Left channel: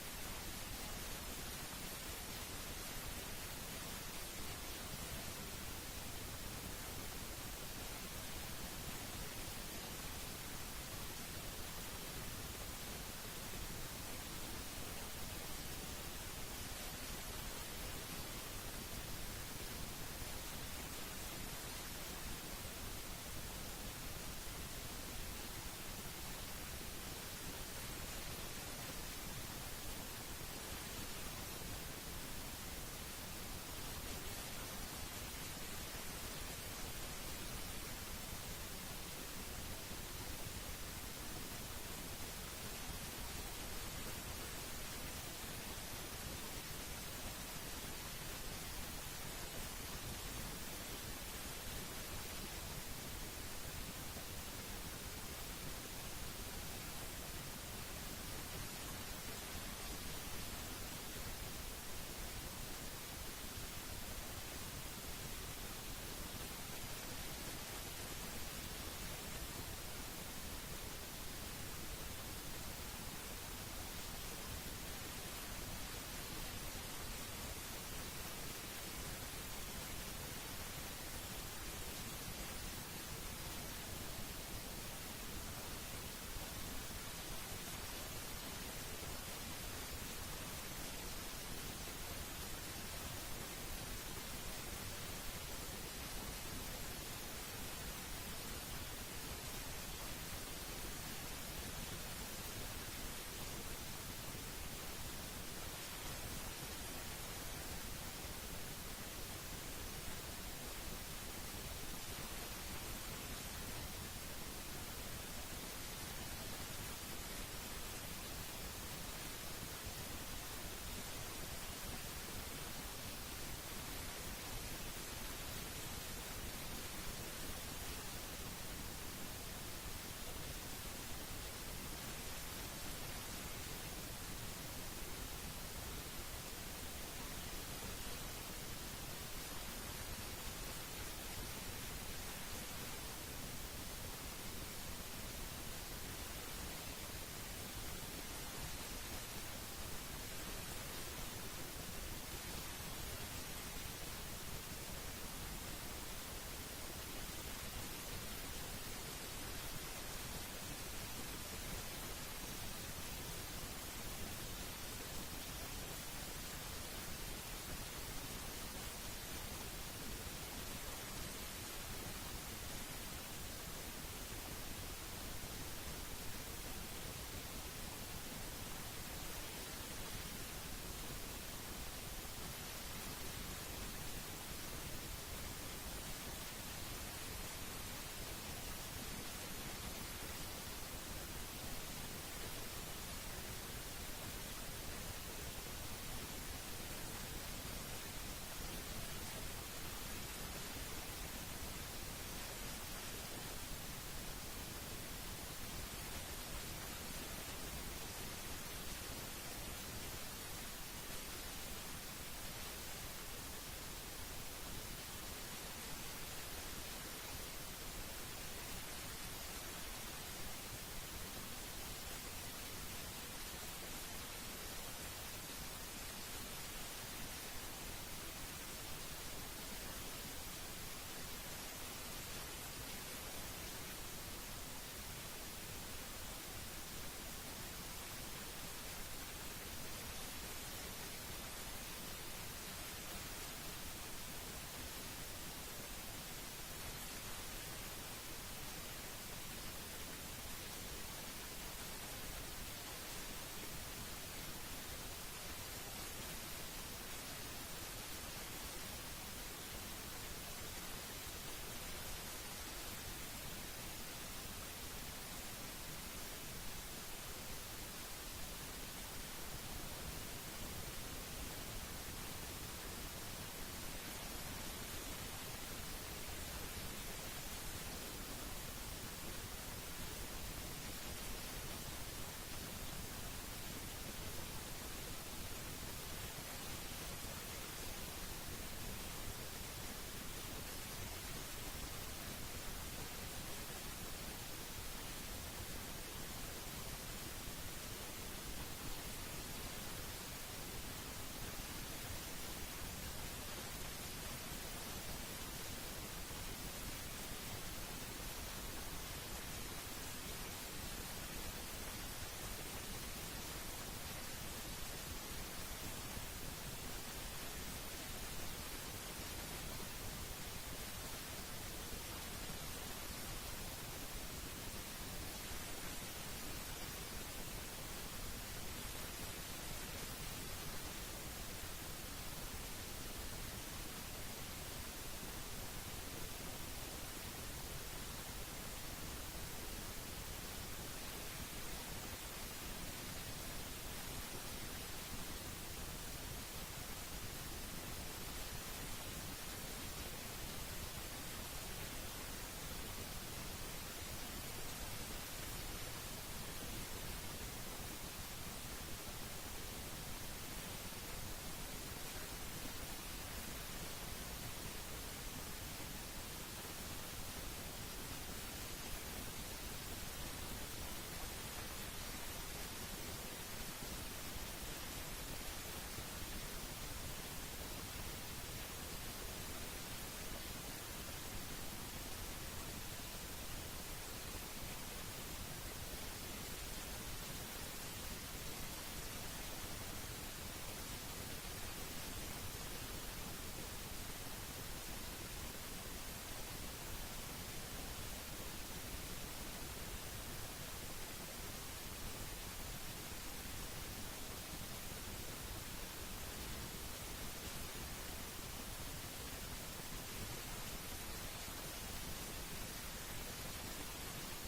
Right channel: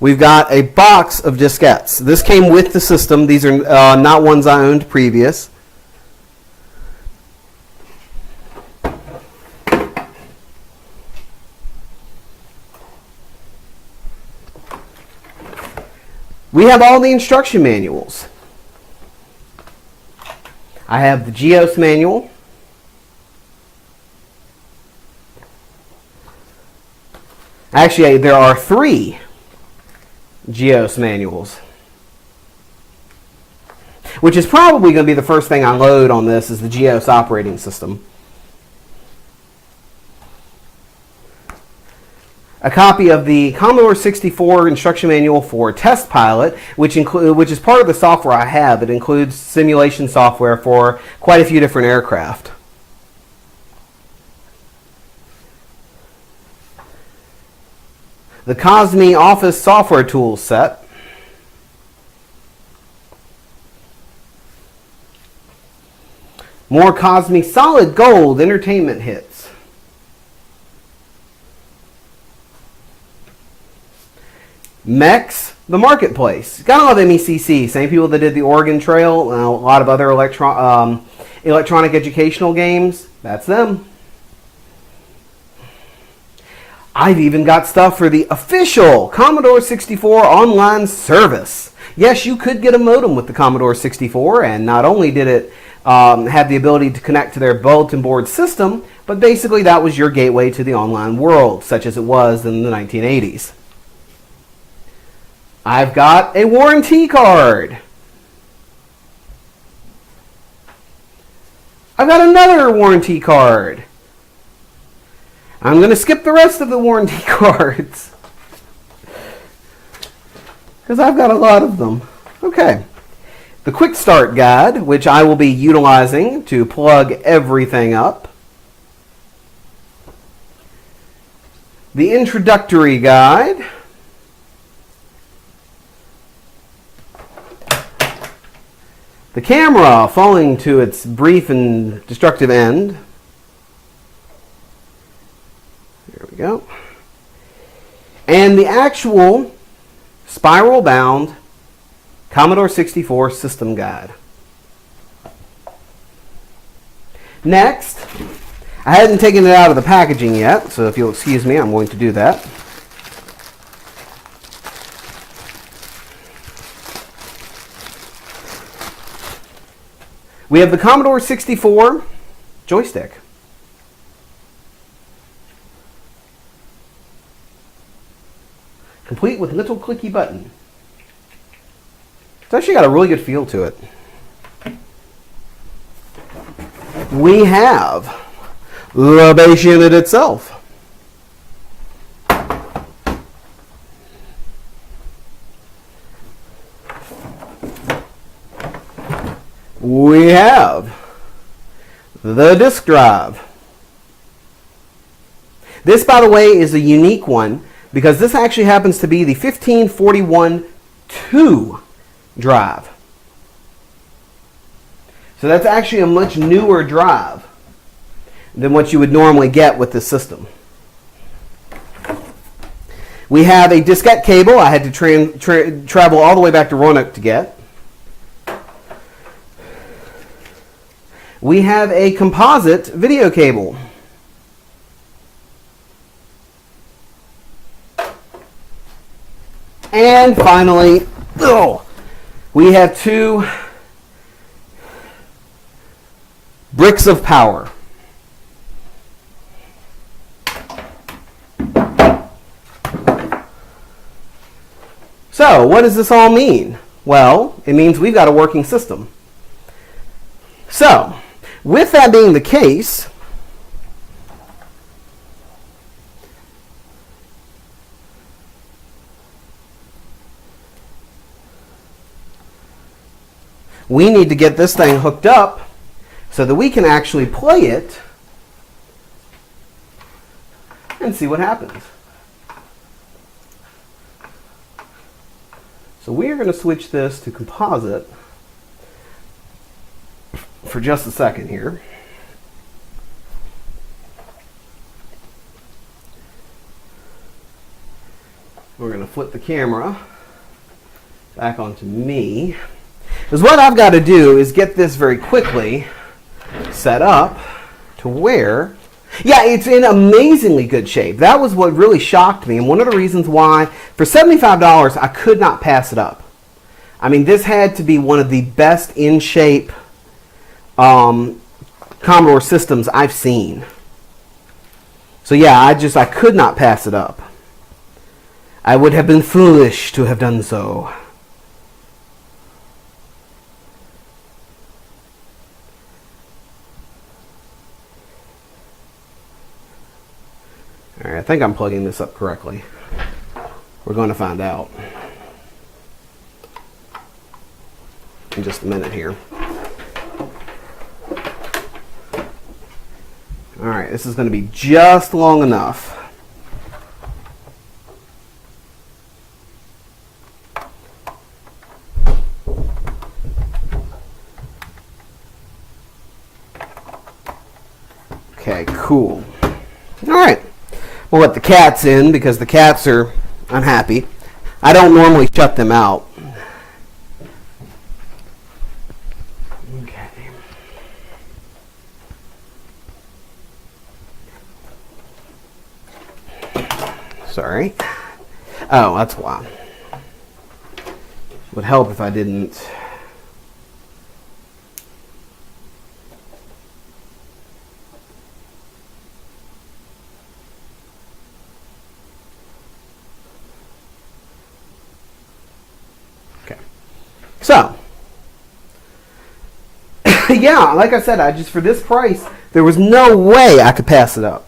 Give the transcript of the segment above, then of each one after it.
we've got a box of diskettes. This came with the system. These are not ones I owned previous. We have all the instruction manuals. I have the GEOS manual. Actually, there are 3 GEOS manuals, which is probably going to be the first thing I load on this is the GEOS operating system. A copy of the Commodore 64 instruction manual for Test Pilot, which is part of the software I have. It includes simulation software for quite a few different aircraft. The Cosmi Office Software Tools set. More Cosmi Solid Gold entertainment hits. MEX, the Marketplace. Gotta love MECC. Same people that did the Oregon Trail and a lot of other electronic educational games. That's them. I've even got stuff for the official Commodore 64 online service. Yes, you could get a modem with the Commodore 64, and not only did it have the ability to connect to their bulletin board system, but basically that was your gateway to the online world, such as it was in the 1980s. I've got a warranty card. I've got another warranty card. I'm going to skip the rest of the warranty cards because I've got a lot of them. Okay. The Quick Start Guide, which I will be utilizing to plug everything up. The Introductory Guide. The camera falling to its brief and destructive end. There we go. And the actual spiral-bound Commodore 64 system guide. Next, I hadn't taken it out of the packaging yet, so if you'll excuse me, I'm going to do that. We have the Commodore 64 joystick. Complete with little clicky button. It's actually got a really good feel to it. We have the base unit itself. We have the disk drive. This, by the way, is a unique one because this actually happens to be the 1541-2 drive. So that's actually a much newer drive than what you would normally get with this system. We have a diskette cable I had to travel all the way back to Roanoke to get. We have a composite video cable. And finally, we have 2 bricks of power. So, what does this all mean? Well, it means we've got a working system. So, with that being the case, we need to get this thing hooked up so that we can actually play it and see what happens. So we are going to switch this to composite for just a second here. We're going to flip the camera back onto me. Because what I've got to do is get this very quickly set up to where, yeah, it's in amazingly good shape. That was what really shocked me, and one of the reasons why, for $75, I could not pass it up. I mean, this had to be one of the best in shape Commodore systems I've seen. So yeah, I could not pass it up. I would have been foolish to have done so. Alright, I think I'm plugging this up correctly. We're going to find out in just a minute here. Alright, this is going to be just long enough. Okay, cool. Alright. We'll let the cats in because the cats are unhappy. I don't normally shut them out. Okay. Sorry. Oh, that's why. Would help if I didn't. So, yeah, like I said, for this price, there was no way I could pass it up.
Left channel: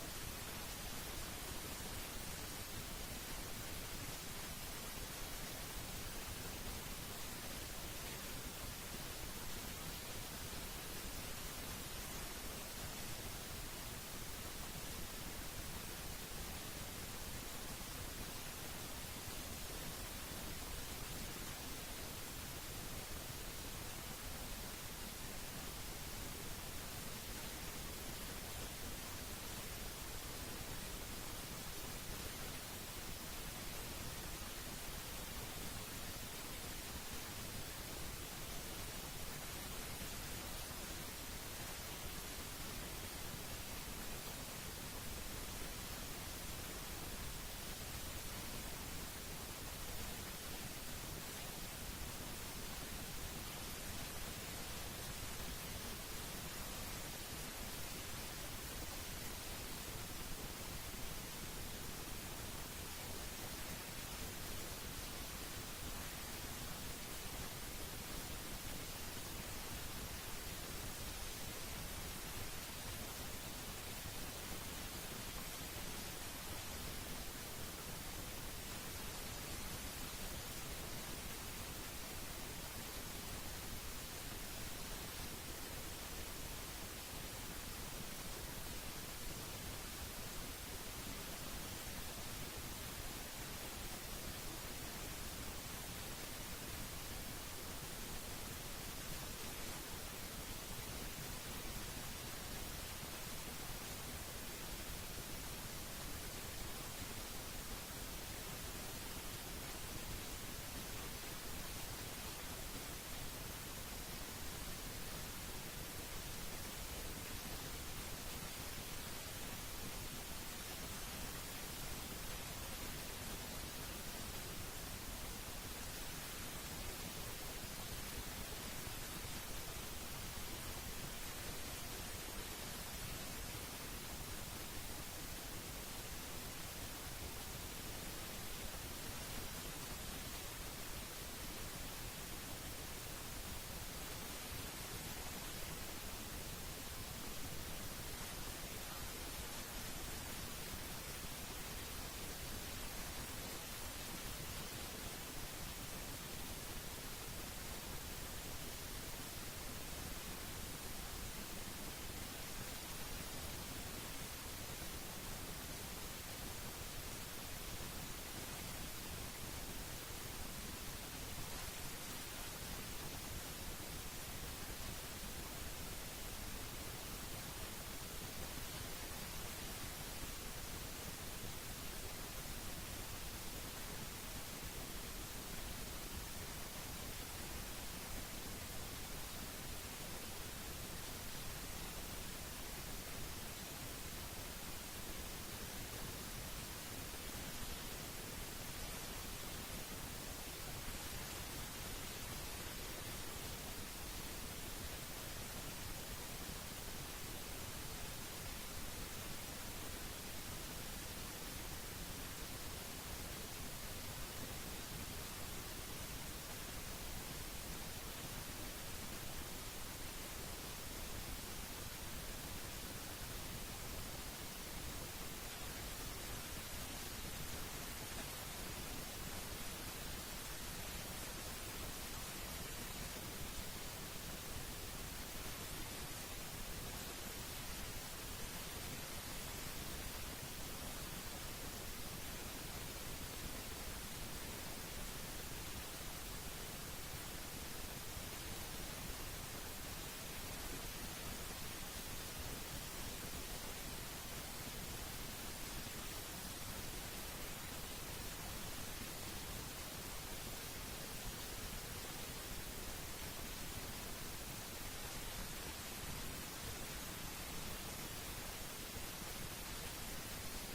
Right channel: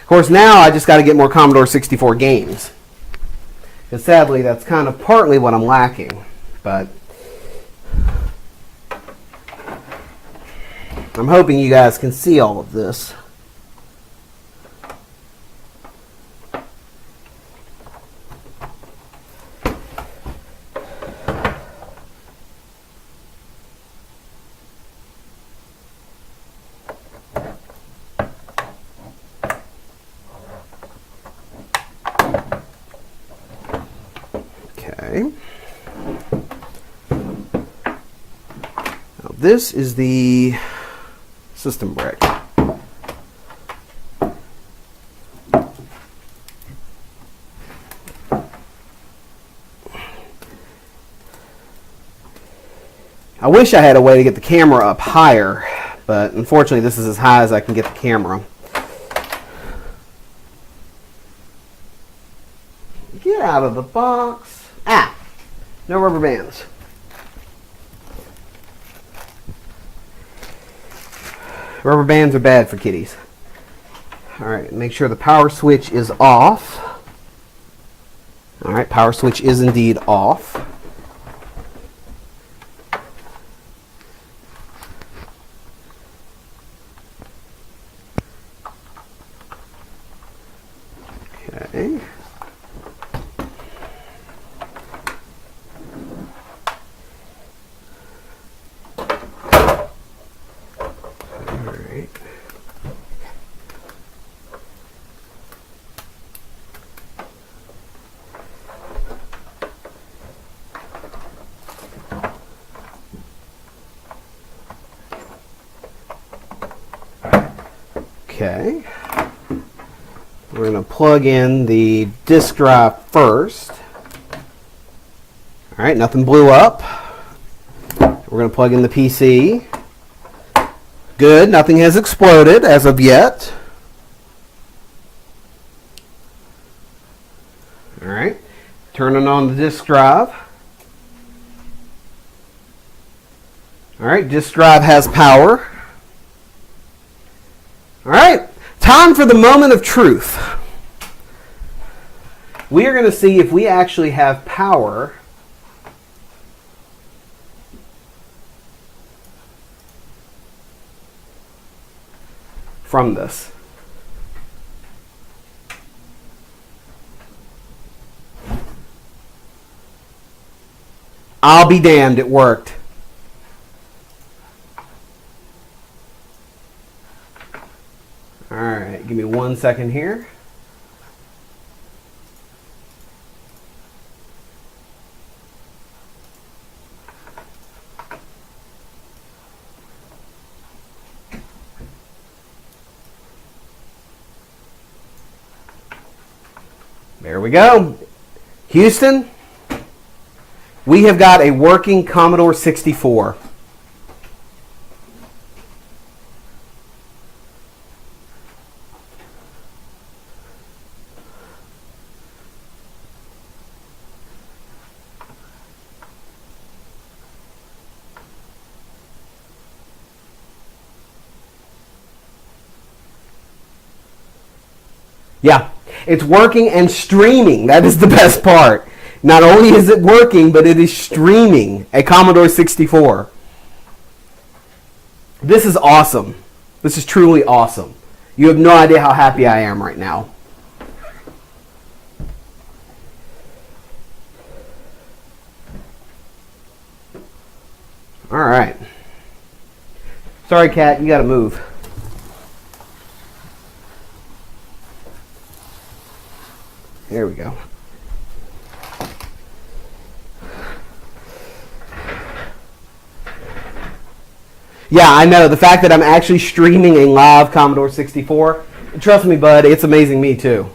Of course, now I just got to get more Commodore 64 games. And sadly, that's kind of partly what I'm lacking. But I'm hoping you guys can see all of this. This is the system brick. I wish I had a way to get the camera up higher, but unfortunately this is as high as I can get the camera. Get out of the box. Ah! No rubber bands. Rubber bands are bad for kitties. Alright, make sure the power switch is off. Alright, power switch is indeed off. Okay. Okay, we're going to plug in the disk drive first. Alright, nothing blew up. We're going to plug in the PC. Good, nothing has exploded as of yet. Alright, turning on the disk drive. Alright, disk drive has power. Alright, time for the moment of truth. We are going to see if we actually have power from this. I'll be damned, it worked. All right, give me 1 second here. There we go. Houston, we have got a working Commodore 64. Yeah, it's working and streaming. That is the best part. Not only is it working, but it is streaming a Commodore 64. This is awesome. This is truly awesome. You have no idea how happy I am right now. All right. Sorry, cat, you got to move. There we go. Yeah, I know. The fact that I'm actually streaming a live Commodore 64, trust me, bud, it's amazing me too.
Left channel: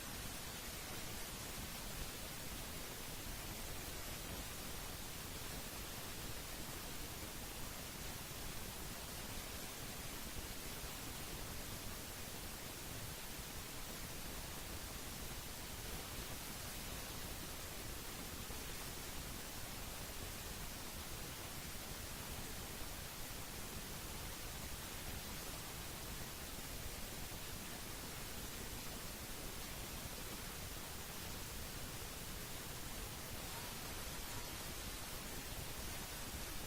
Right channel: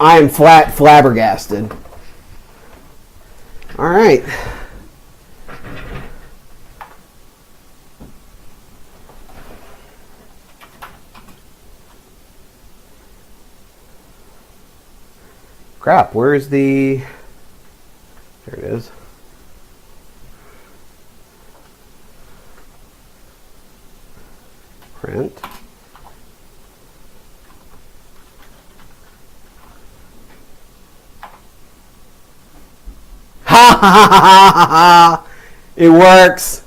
I am flabbergasted. All right. Crap, where's the... There it is. Print. Ha ha ha ha ha! It works.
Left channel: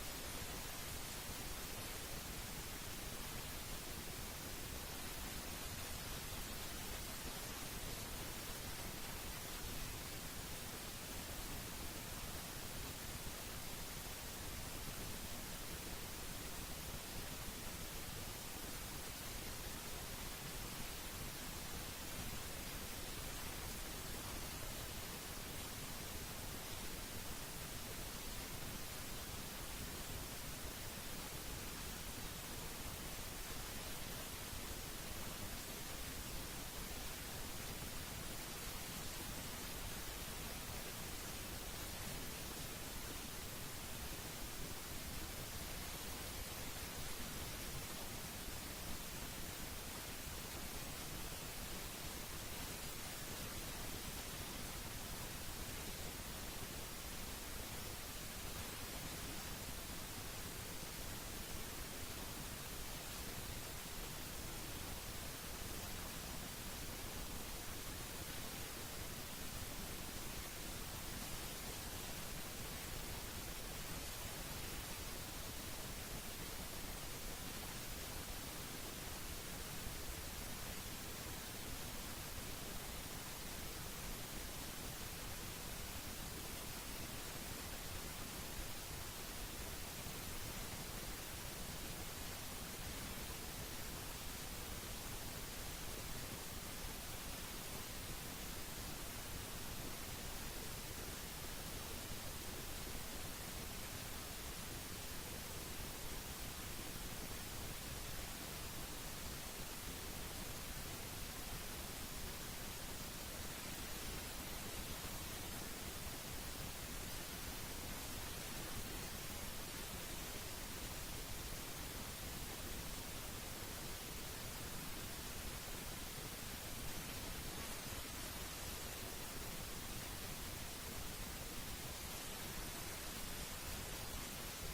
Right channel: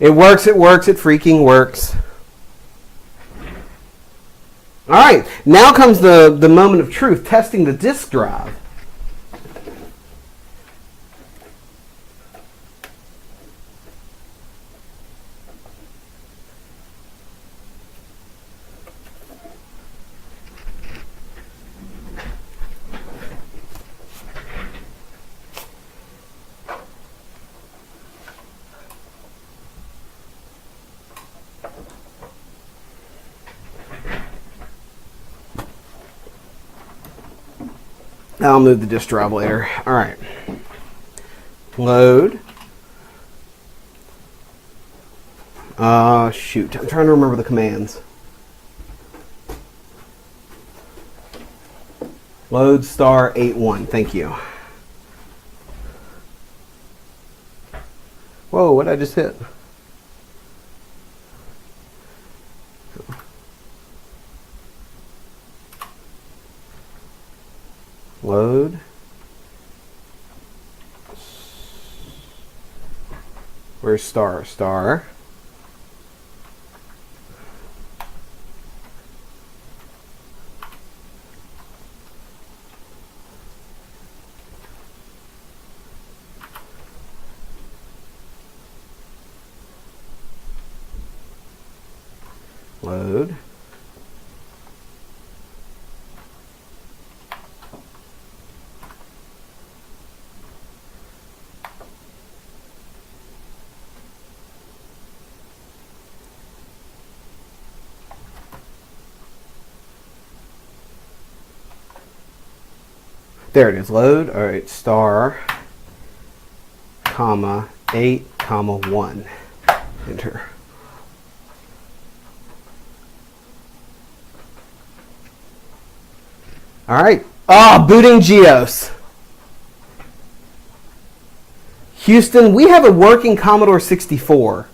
It works, it works, it freaking works. All right, now comes the moment of truth, testing the disk drive. I'll move the disk drive later. All right. Load. Shoot. I'm trying to remember the commands. Load star 81. Thank you. Whoa, what did I just hit? Load. Where's star? Star. Load. There it is, load. All right, star, comma, 8, comma, 1. Enter. All right. Booting GEOS. Houston, we have a working Commodore 64.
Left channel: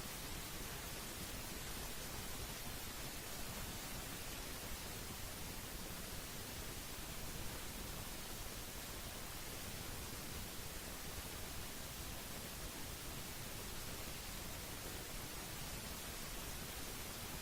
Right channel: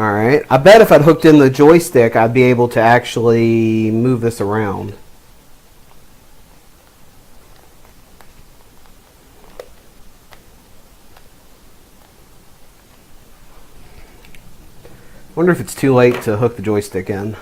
Alright, I bet if I'd hooked in the joystick, I'd be able to actually move this around. Wonder if it's too late to hook the joystick in.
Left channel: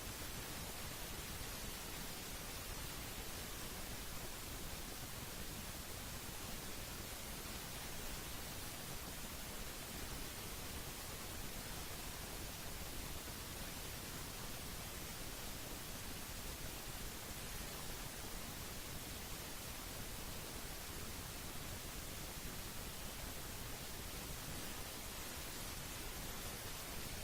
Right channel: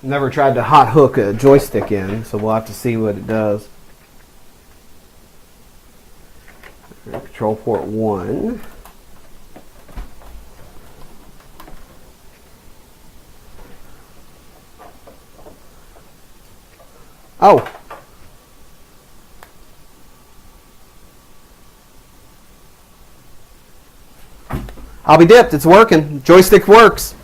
Never tried to hot hook a joystick in, so we'll have to see what it does. Control port 1. Oh! I'll be dipped, it's working. Joystick works.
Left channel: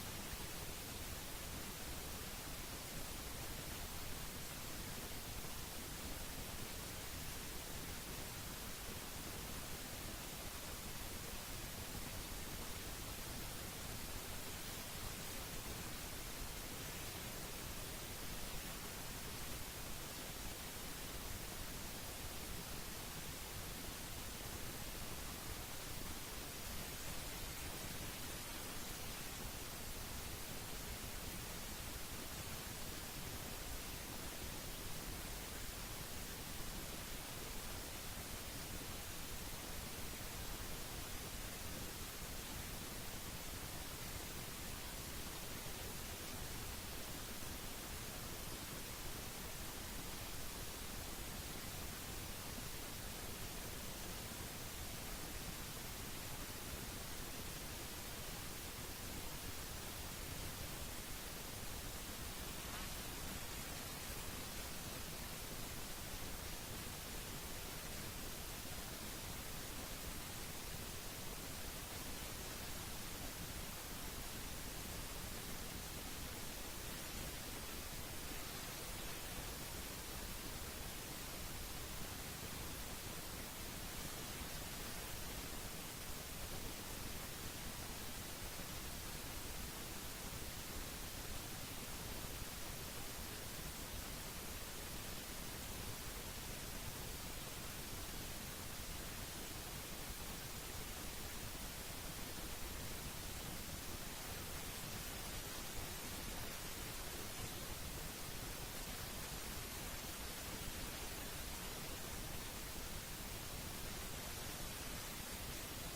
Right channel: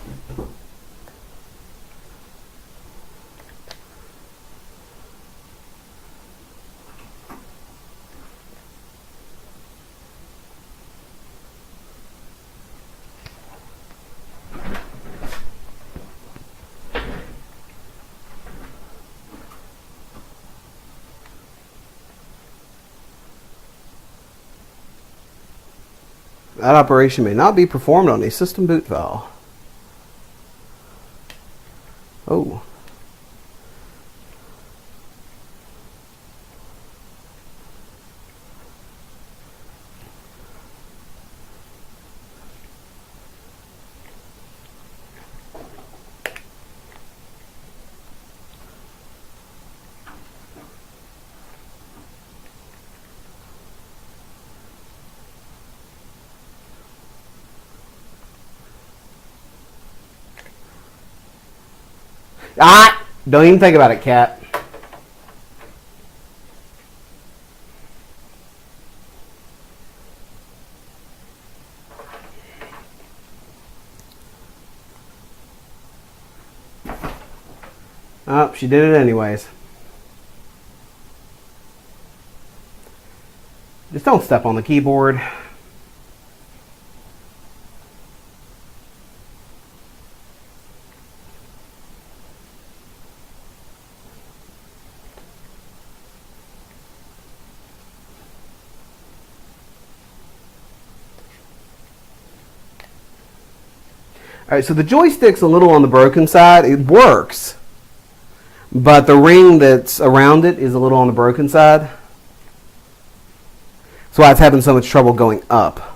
That operation may not be performed on a system boot file. Oh. Ah! Don't even think about it, cat. Oh, she did it anyways. Just don't step on the keyboard. Alright, so the joystick's a little on the broken side. It works, but the ring that's around it is a little on the broken side. That's why it's having so much trouble going up.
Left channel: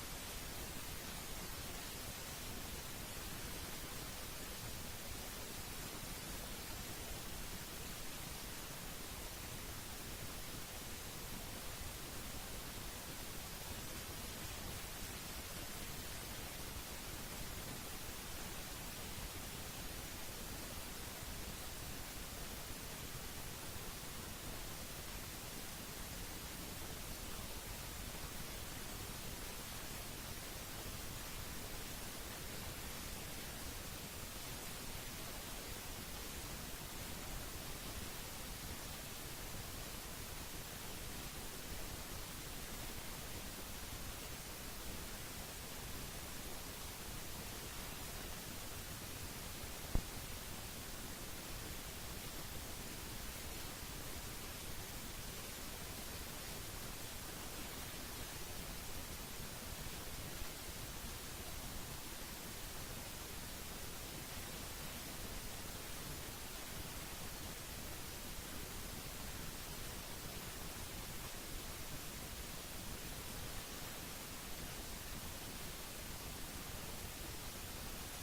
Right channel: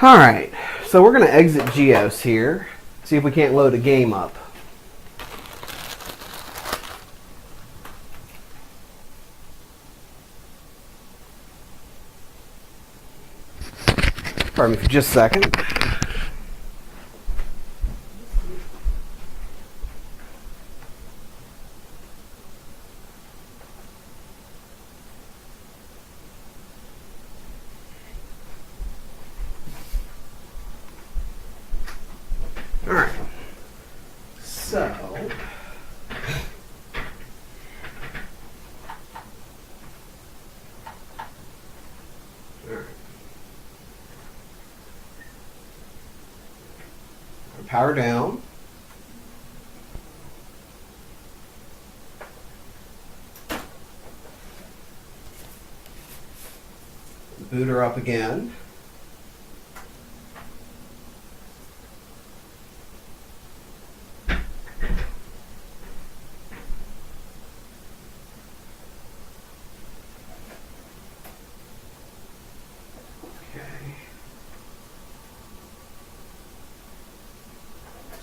Alright, so we're going to exit Geos here, see if we can't load a game up. Pardon me for just a second. Alright, so power down. boot her up again.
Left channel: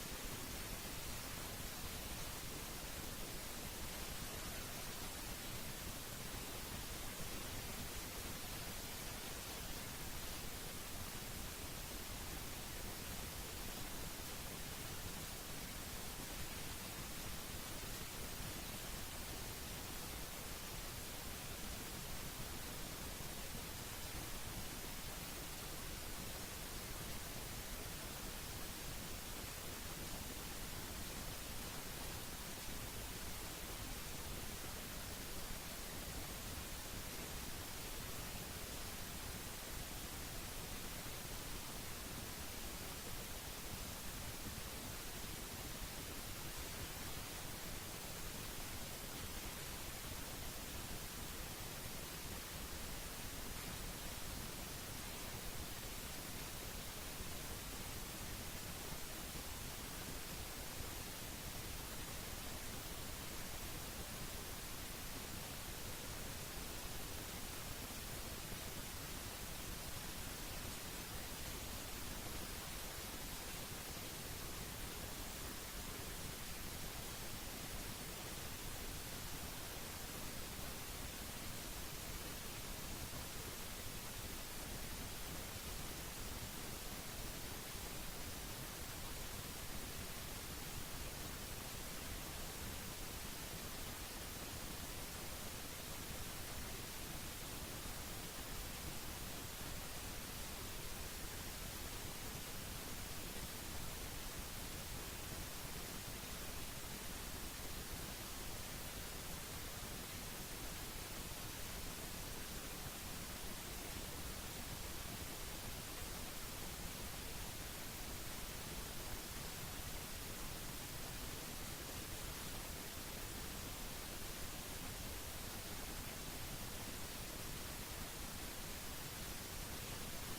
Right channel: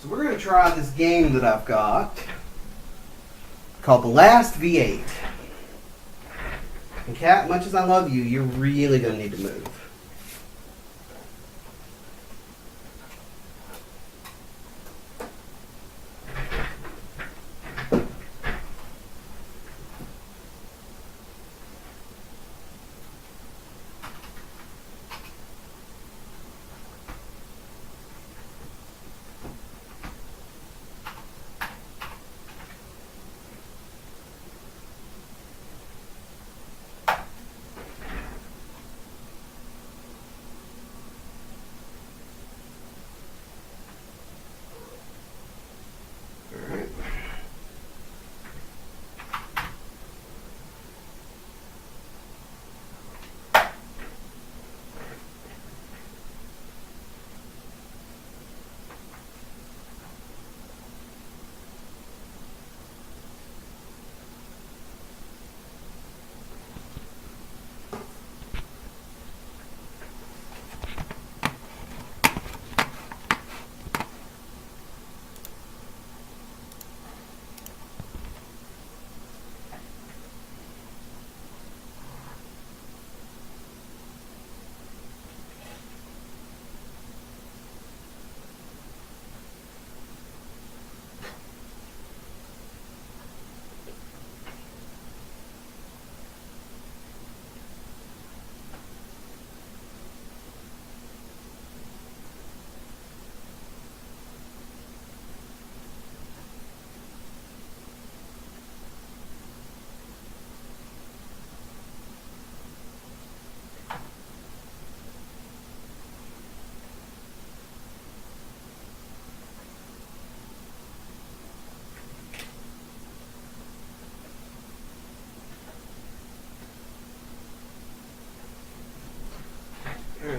So we're going to try this game that I've got called The Last V8. And Cat, much as I love you, you're really going to need to move.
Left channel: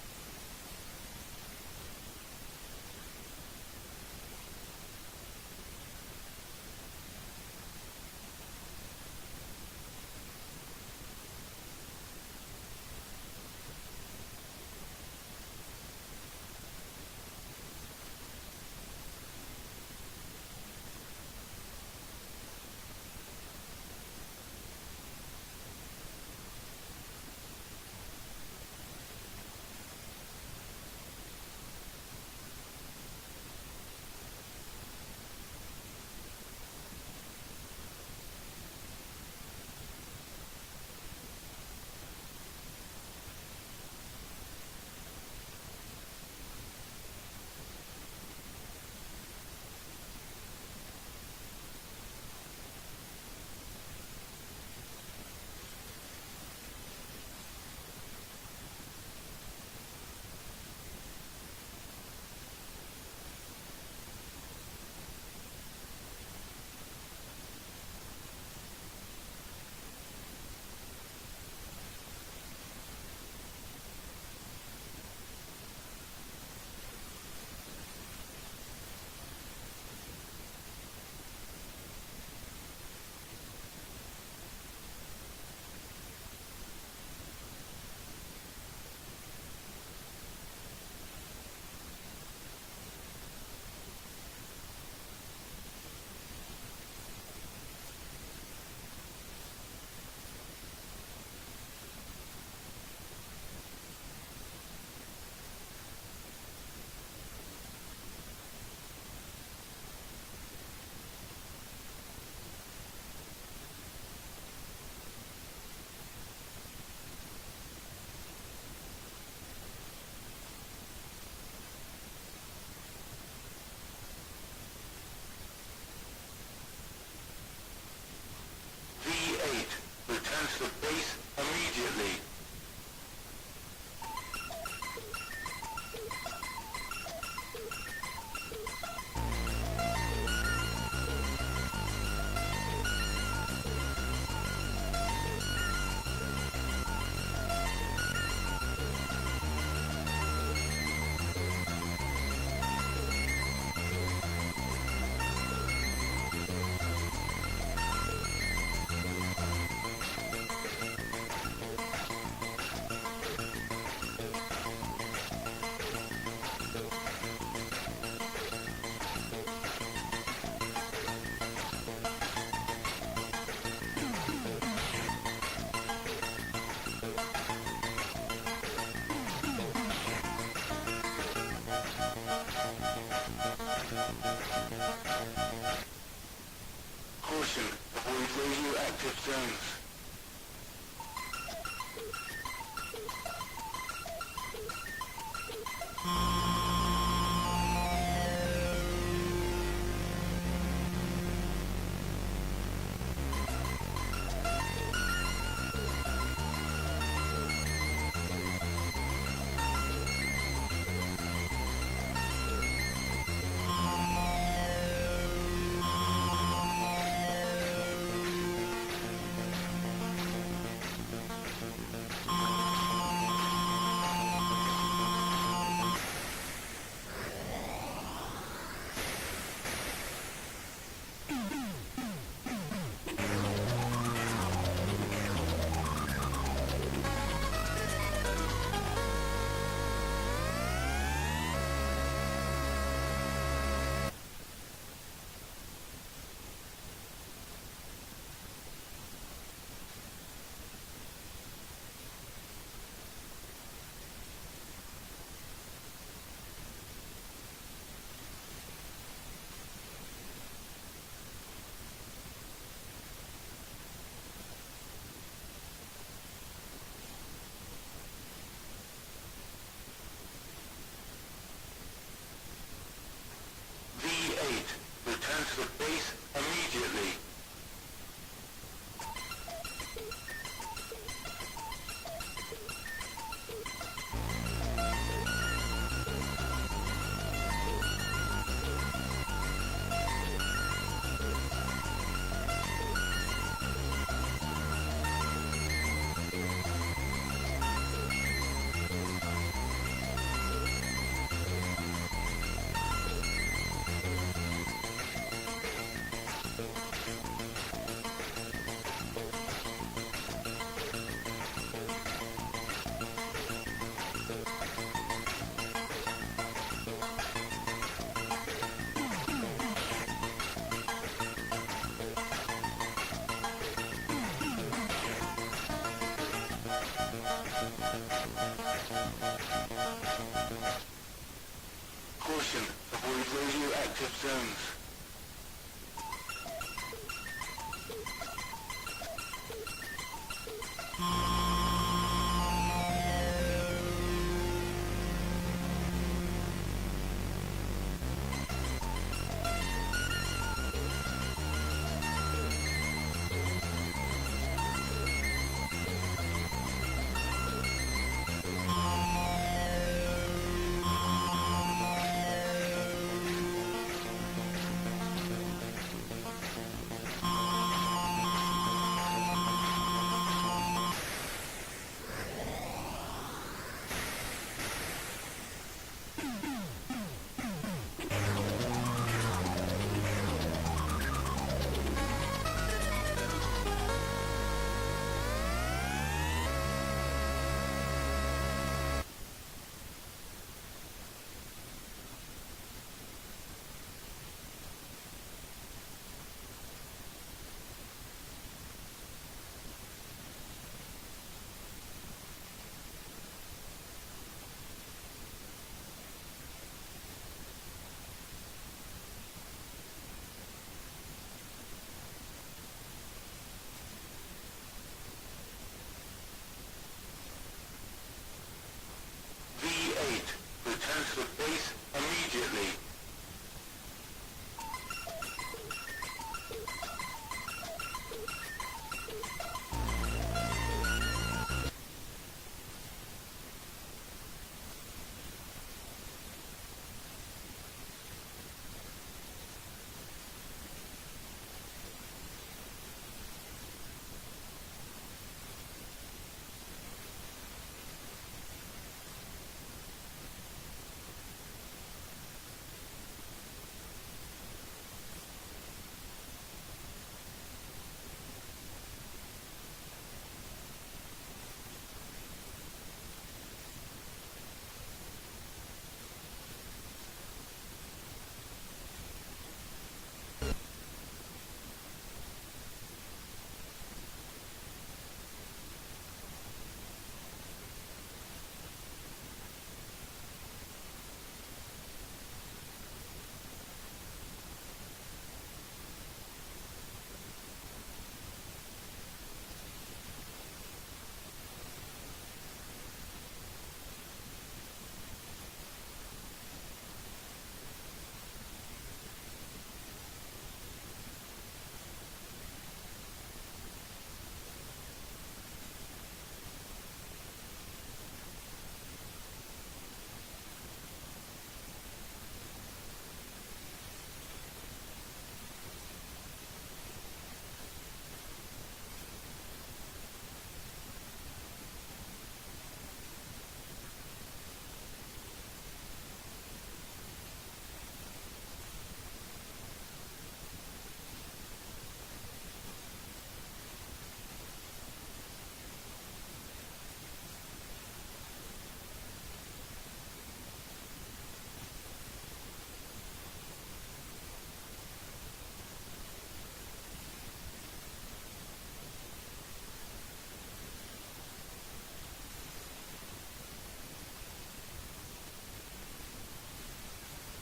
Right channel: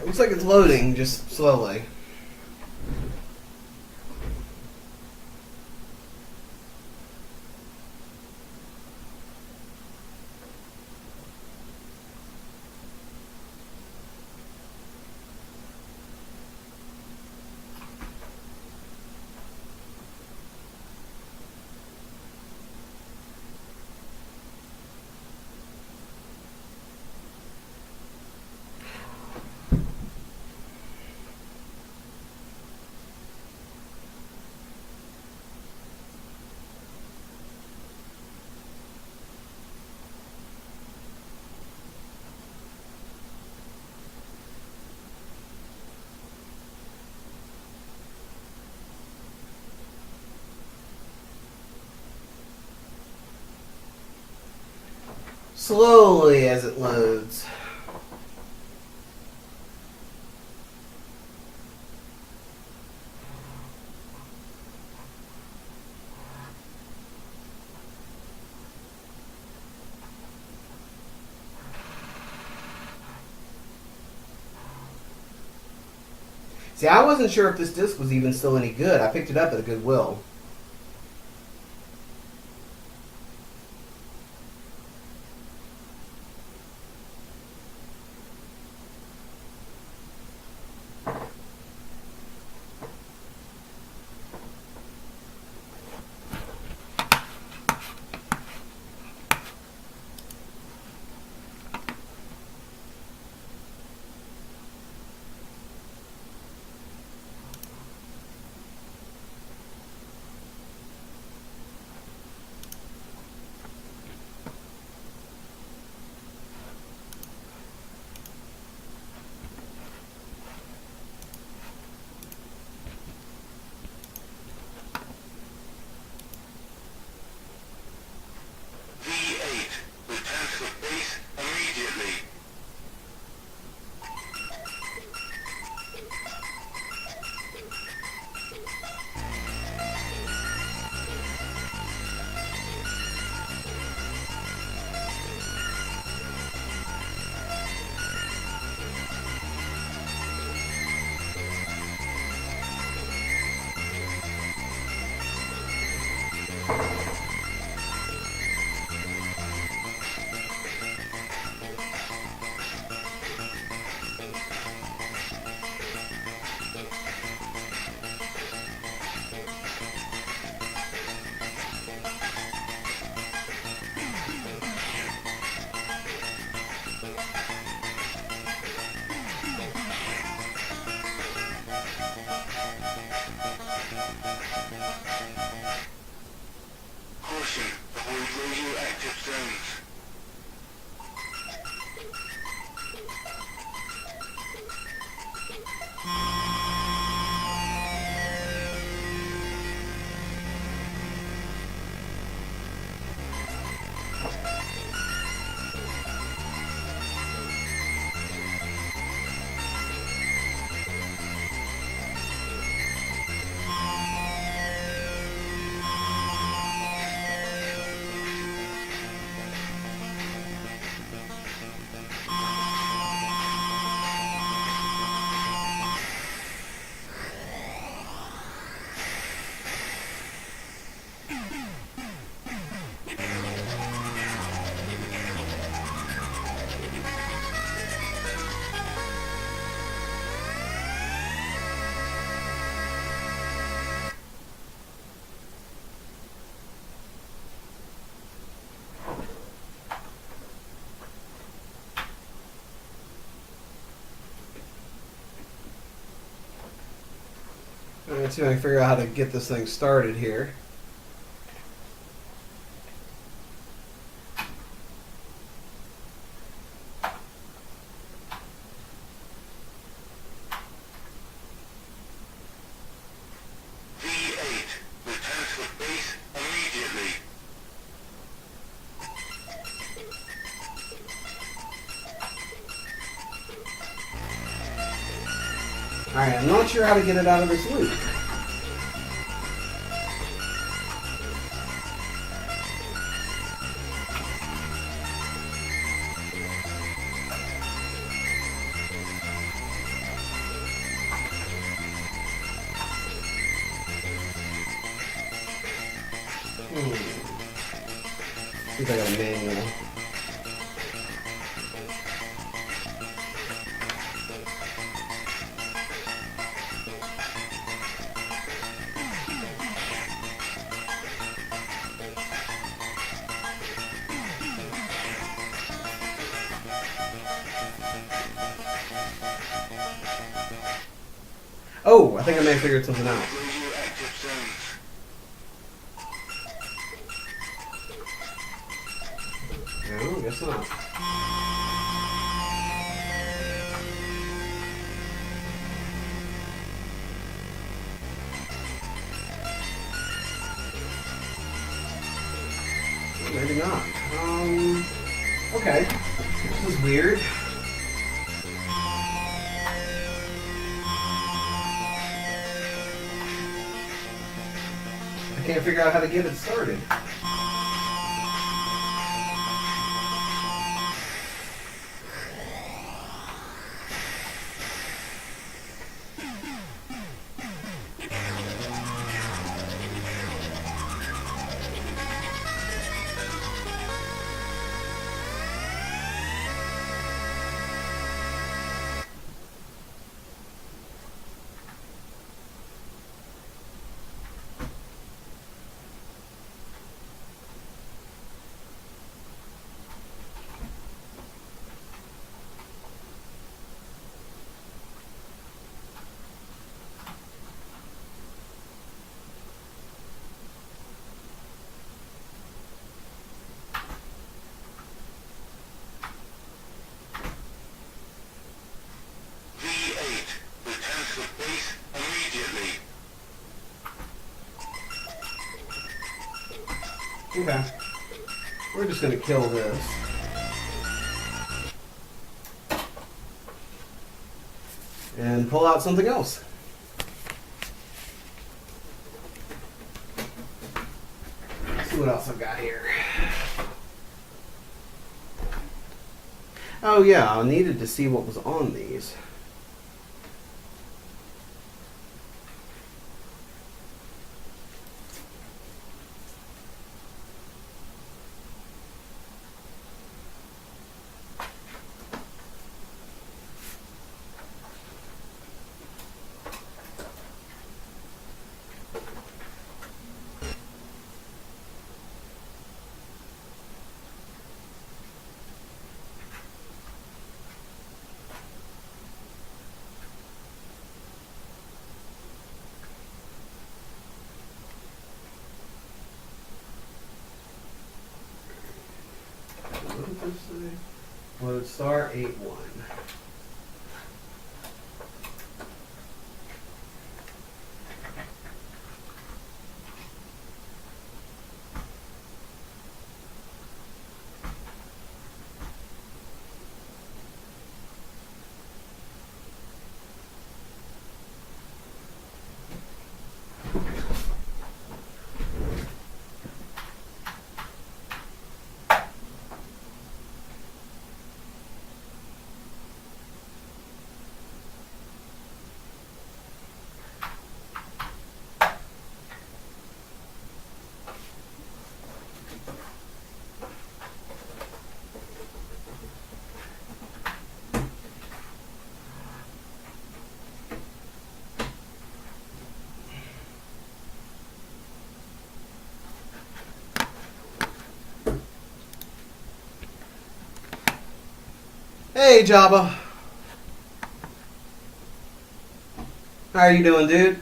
Looks like it's loading, just slowly. Slowly as it loads. See, I wasn't sure if this disc was even still any good. I picked it up at a Goodwill. Caution, avoid radioactive zones. Let's see if I can figure out how to get this thing started here. V8, return to the base immediately. Alright, I'm not sure how to get it out of this loop. See if I got a manual. Oh, I think I may have figured something out. Radioactive zones. No, guess not. Maybe not. Okay. This was weird. I can't figure out how to get it started. V8, return to the base immediately. Okay. We're just going to kill this. And pull out something else. Let's see what else I've got here. Oh yeah, I needed to see what was on these. R81. Hey Jabba. How are you doing, dude?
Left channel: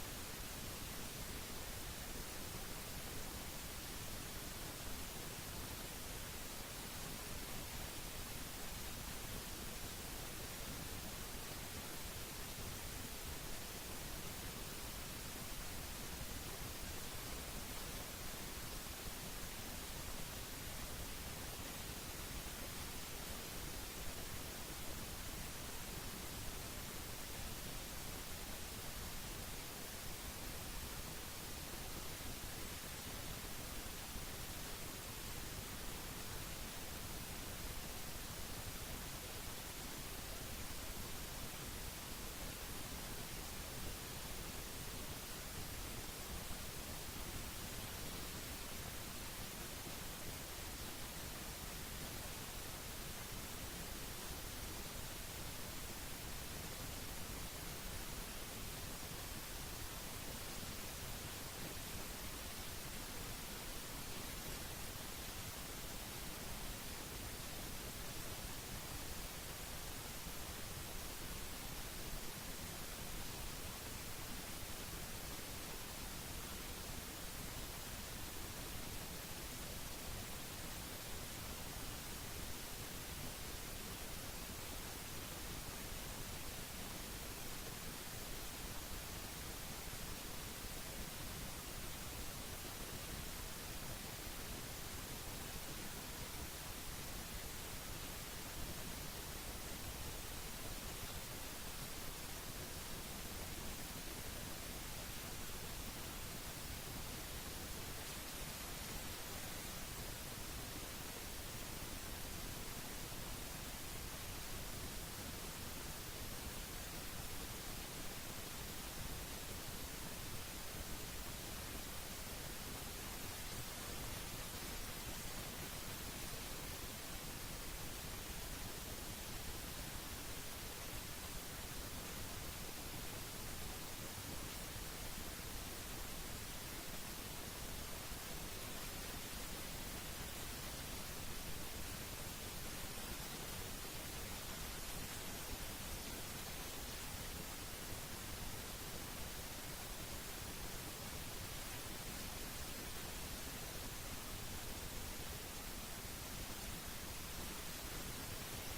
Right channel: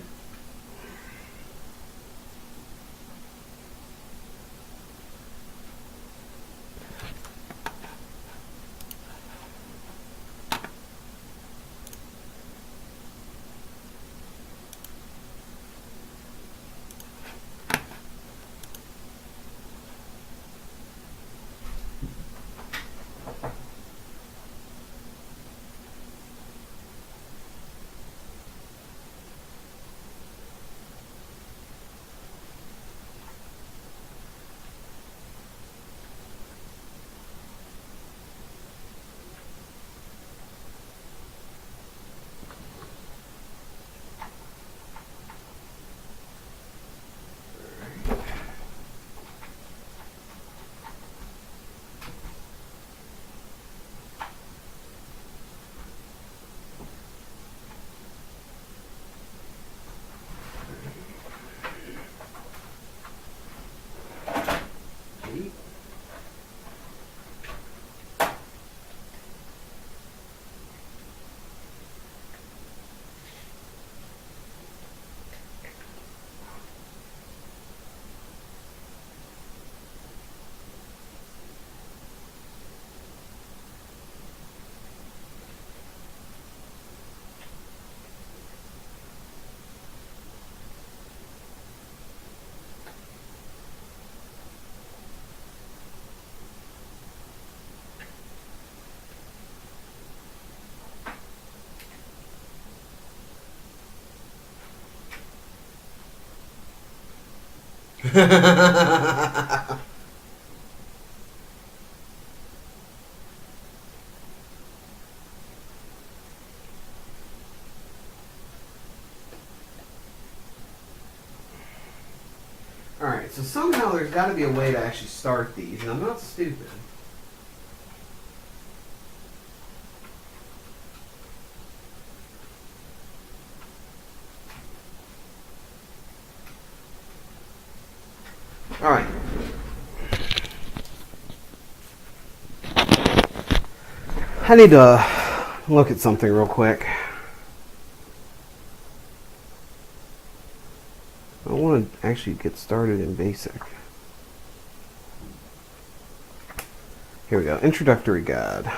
Alright, so somehow there's got to be a way to actually start these, and I'm not stupid. Alright. I need to look at something real quick. I want to actually get started in BASIC. Here we go. Introductory guide.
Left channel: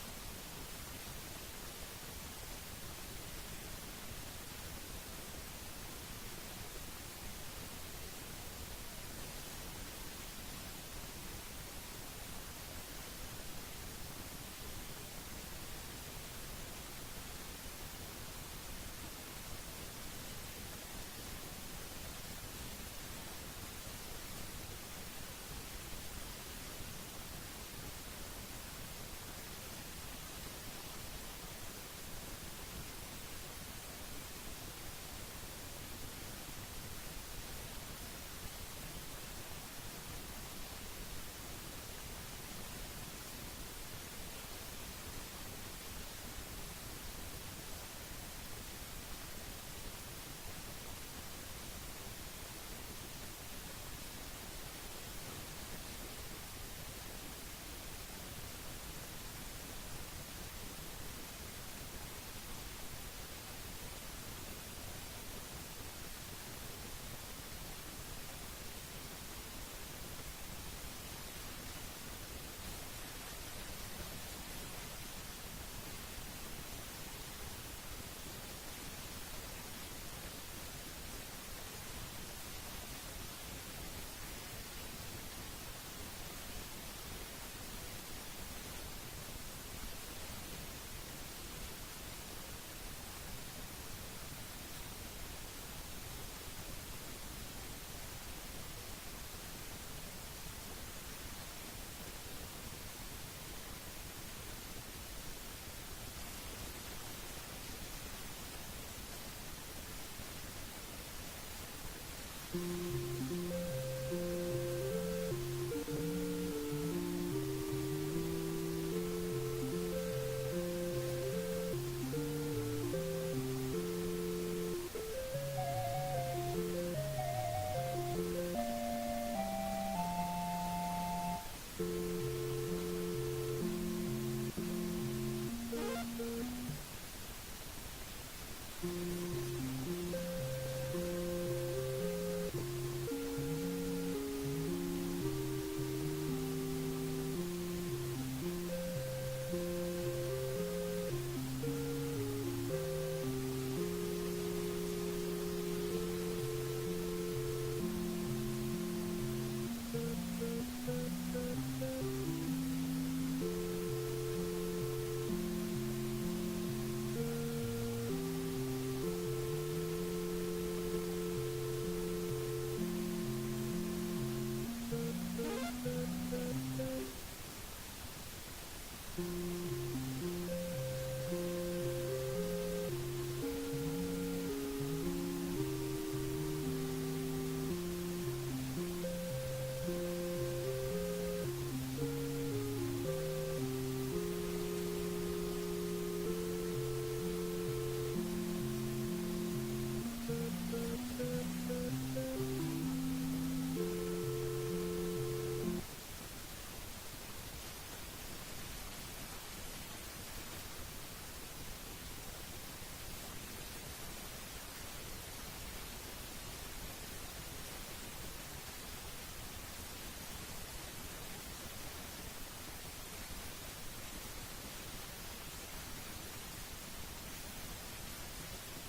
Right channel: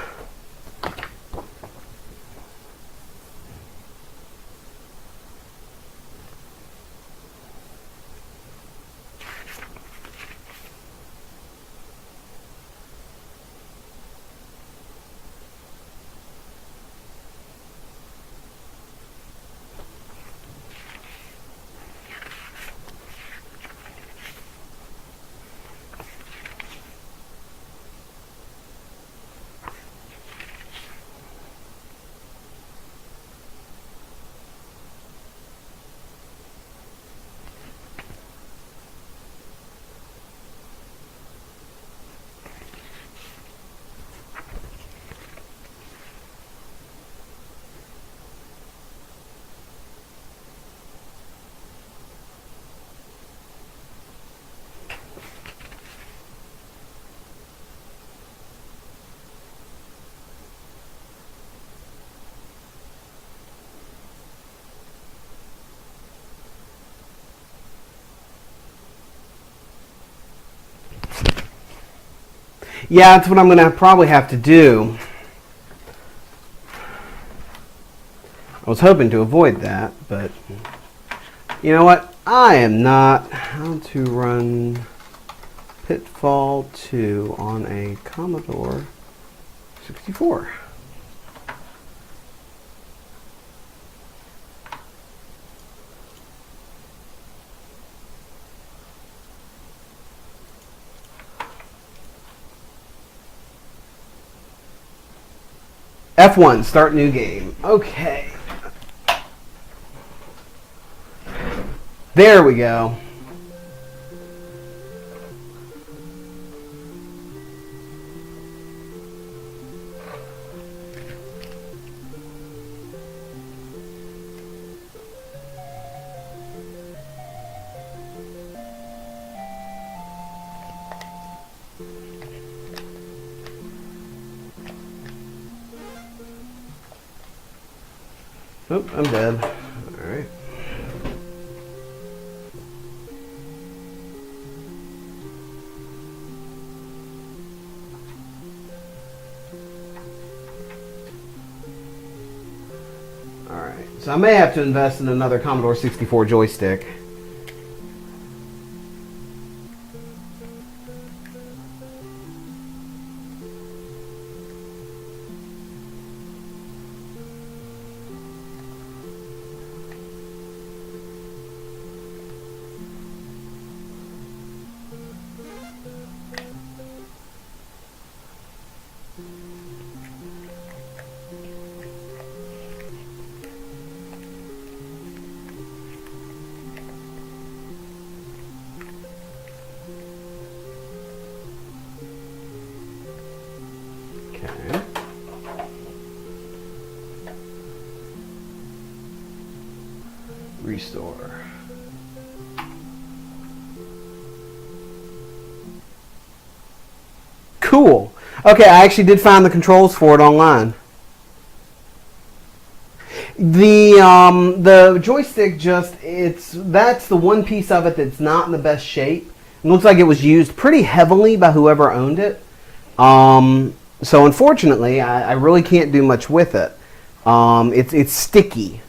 Yeah, that's what I'm going to probably have to do. was hoping to avoid that, but you know what? I am not. How to run Pitfall 2 on a Commodore 64. F1, start new game. Okay. There we go. Oh, I'm dead. Alright. Alright, so I may have to invest in another Commodore 64 joystick. Restore. Cool. Okay, I actually did find the controls for it online. The joystick that's the one piece of it that's not in the best shape. It looks like it was used pretty heavily by whoever owned it. So unfortunately, I really can't do much with it. It's sticky.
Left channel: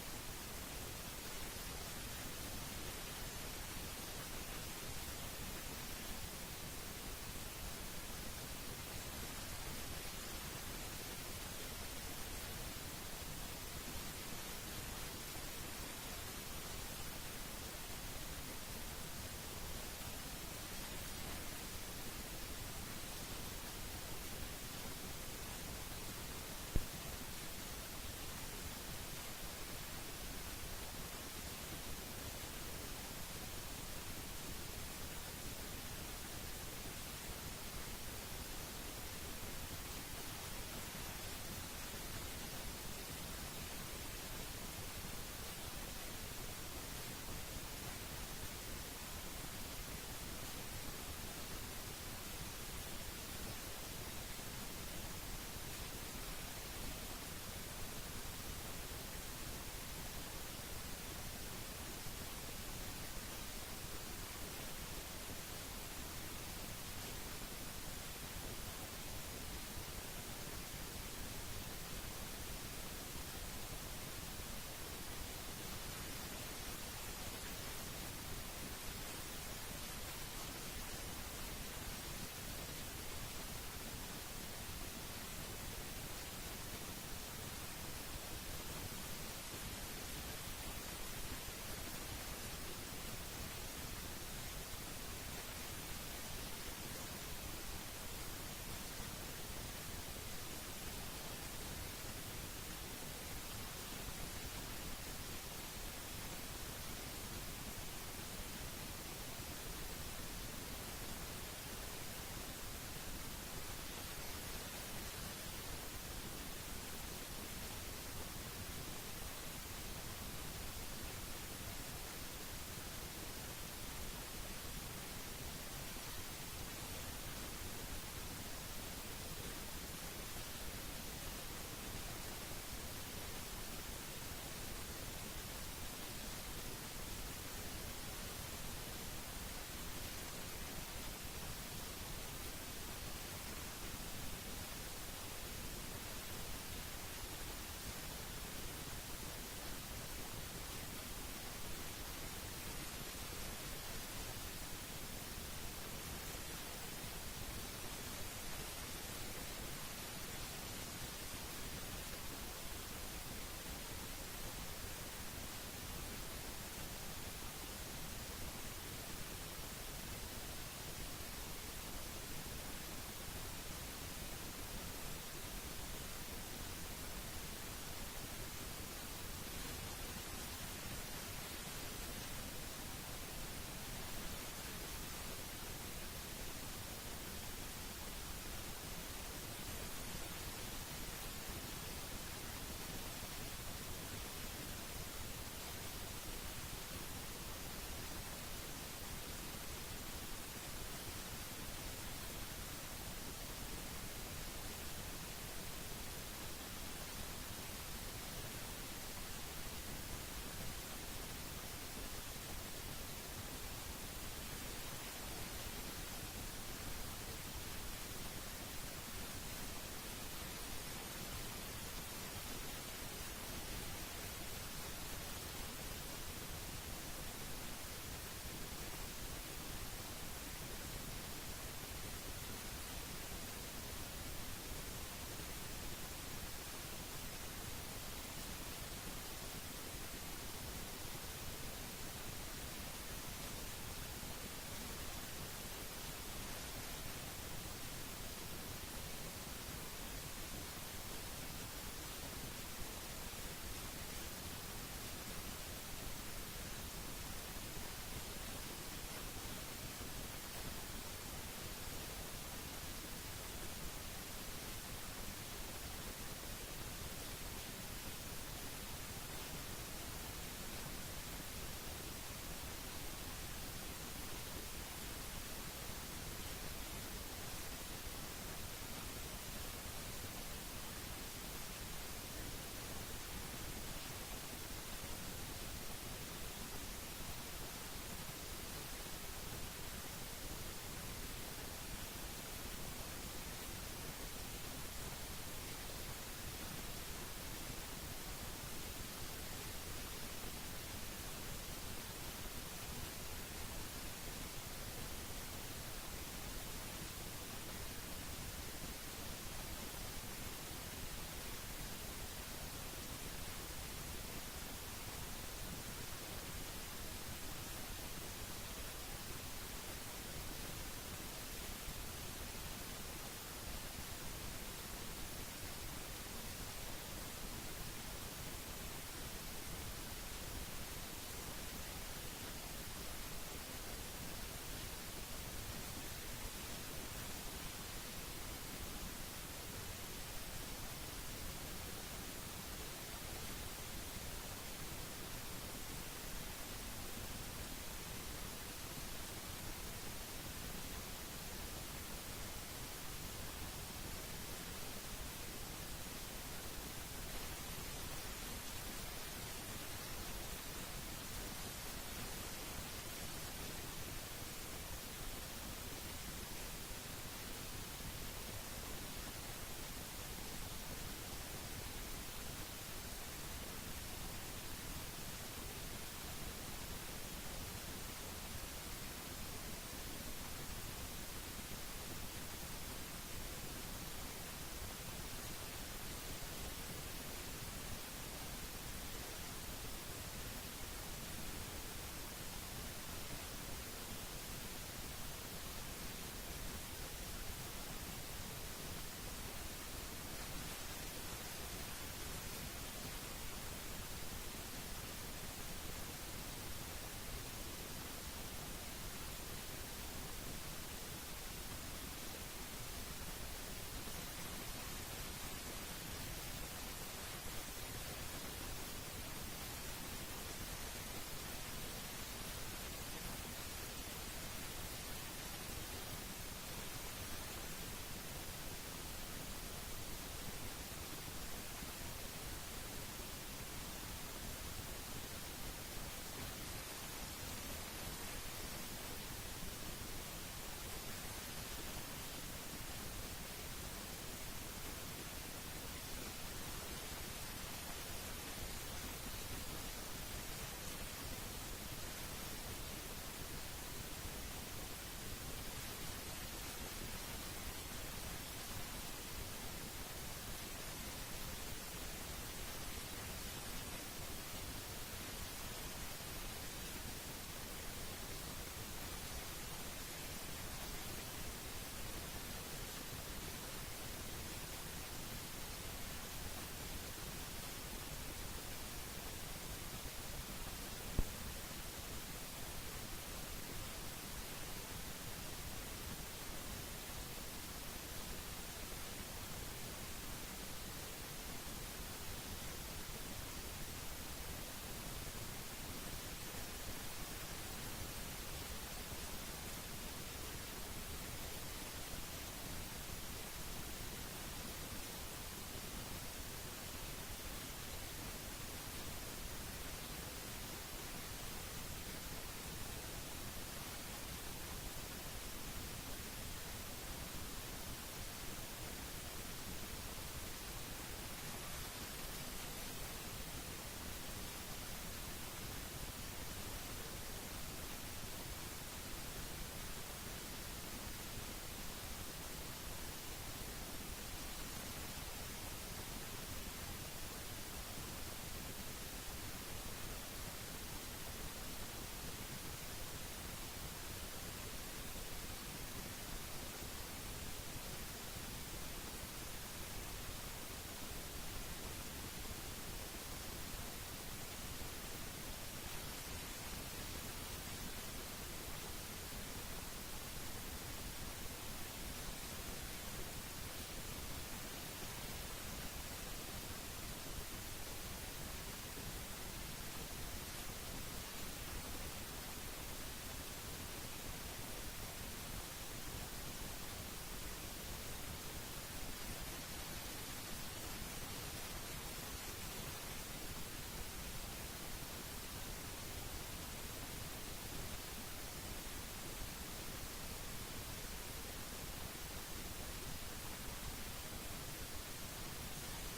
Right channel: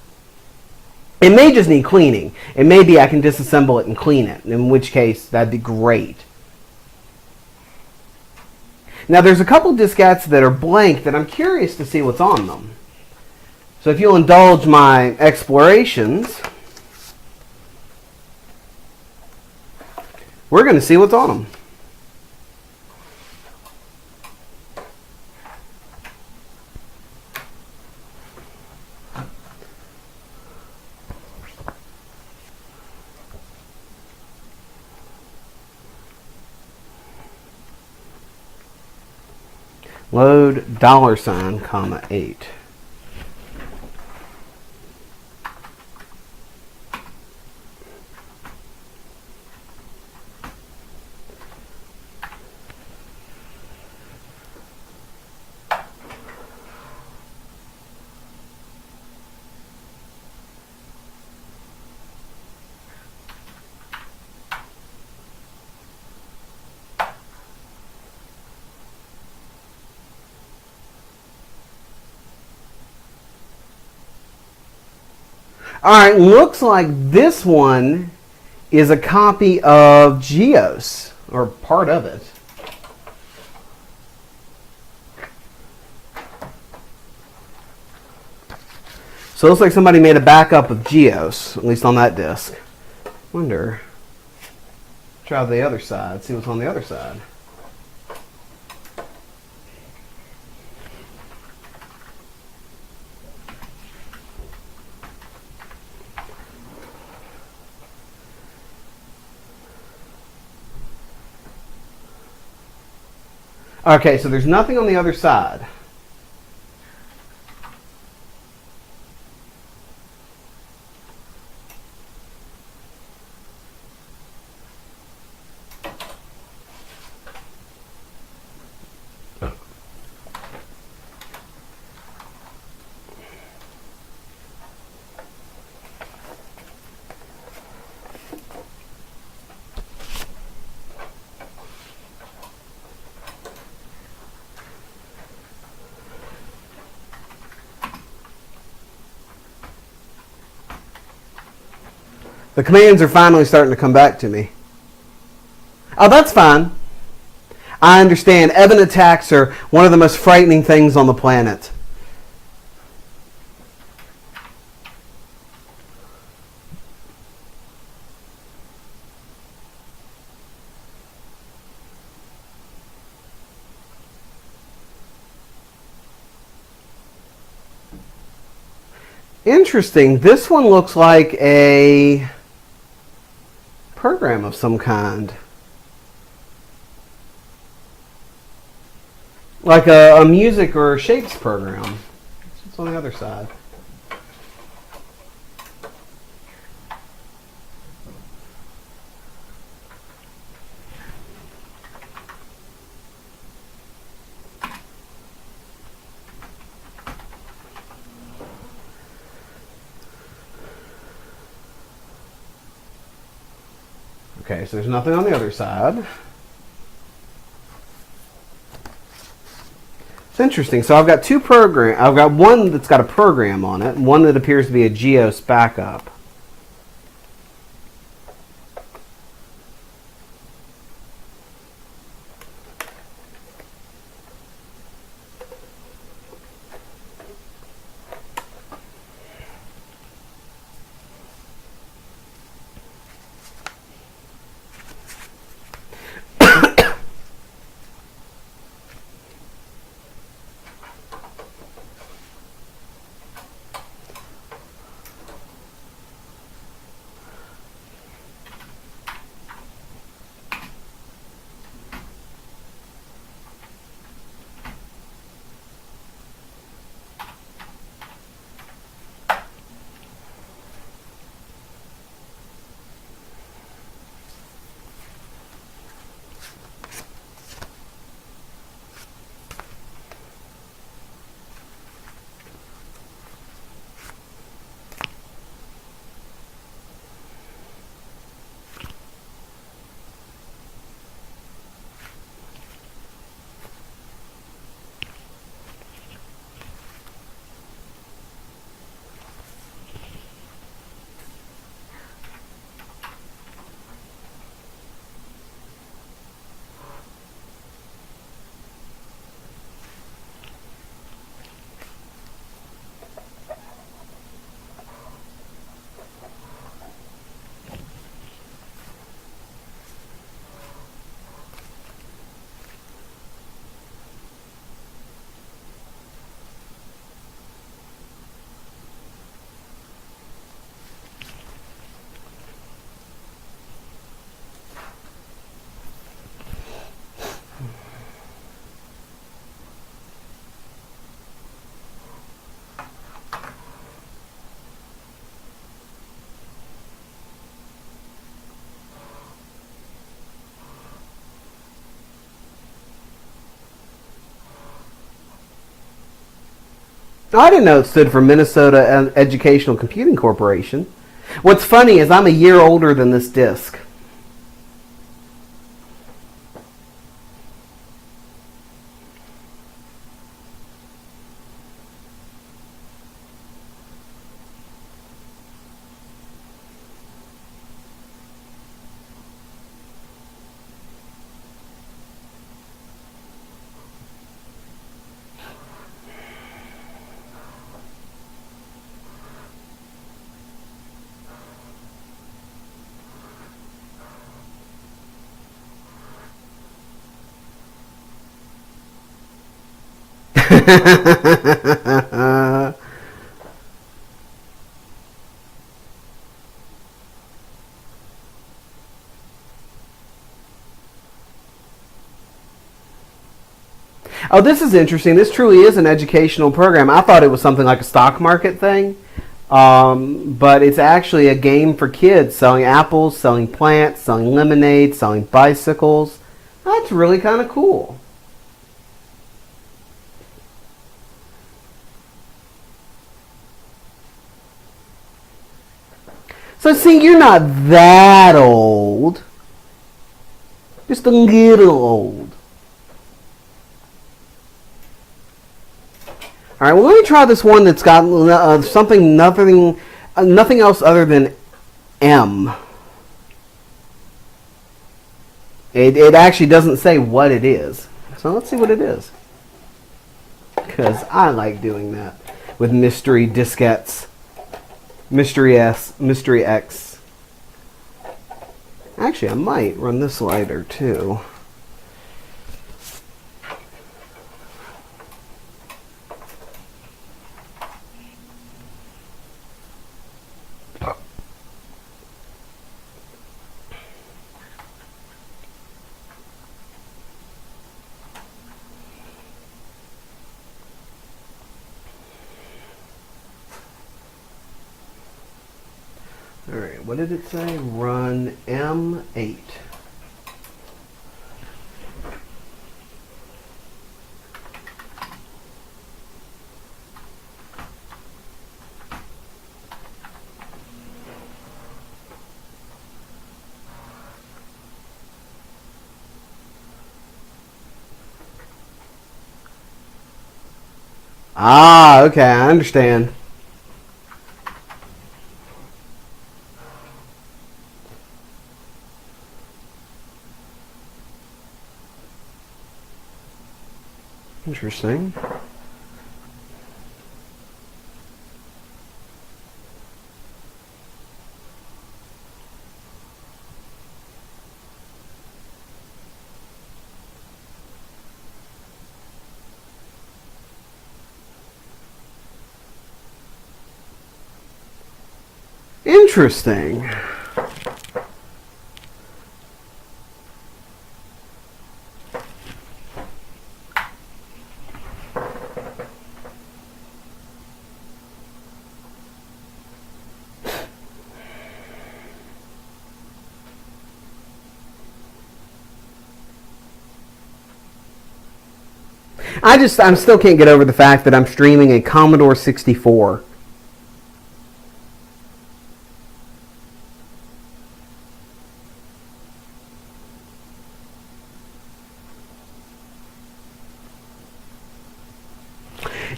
It may just need cleaning. And maybe I can disassemble it and clean it, in which case that'd be great. Now there's a couple diskettes that are blank that I'm curious to see what's on them. So if you'll indulge my explorations, we're going to see what's on them. Load $8. Alright, looks like this one is a copy of Geos, or part of it. So it looks like somebody made a backup of Geos, at least on that disk. Wonder. Try the other side, see what's on the other side. Okay, so there's nothing on the other side. The commands are finally starting to come back to me. Oh, that's fine. I understand. Evan attacks are one of the most frightening things on the planet. Interesting. This one looks like a program of some kind. Like a music or a shapes program. It's on the other side. Okay, so there's nothing on the other side. It's interesting. So I've got two programs. I've got one that's got a program on it, and one that appears to be a GEOS backup. I didn't know it stood for Minnesota Educational Computing Corporation. What's funny is I'm a year older than this disc. Oh, this is interesting. This truly is an educational program. I thought it was something like a stock market thing, but it's actually a game for kids, selling apples, selling plants, selling lemonade, selling bicycles. That's really kind of cool. So see, you're not that old. Just a little old. All right, well, let me try this one that's got nothing else other than M. It actually doesn't say what it is. So let's see what it is. Because I like doing that with mystery diskettes. Mystery S, Mystery X. Actually, I might run this lighter too. Alright, what did it say? Run M8. Ah, okay, I understand. Interesting. Interesting. I still can't get over the fact that I'm streaming a Commodore 64.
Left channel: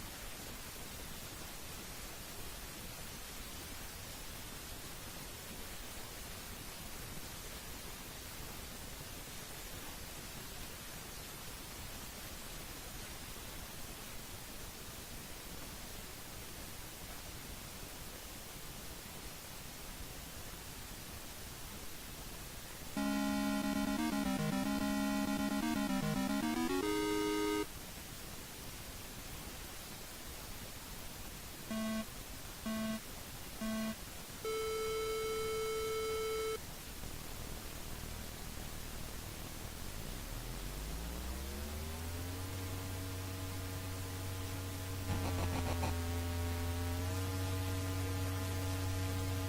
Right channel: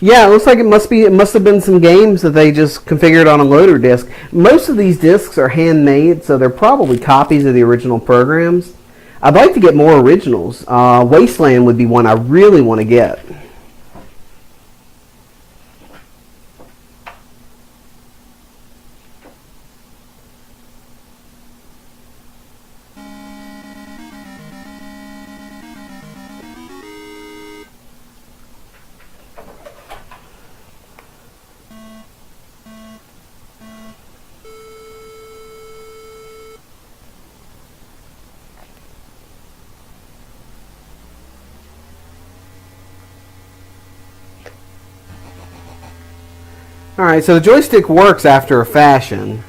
Yeah, it looks like it must have been some games that they just configured on a loader disk. Most of these discs are handmade, so they're probably copies of the original programs. I'd like to get more originals. Wasteland would be one I really want to get. Alright, so the joystick works after a fashion.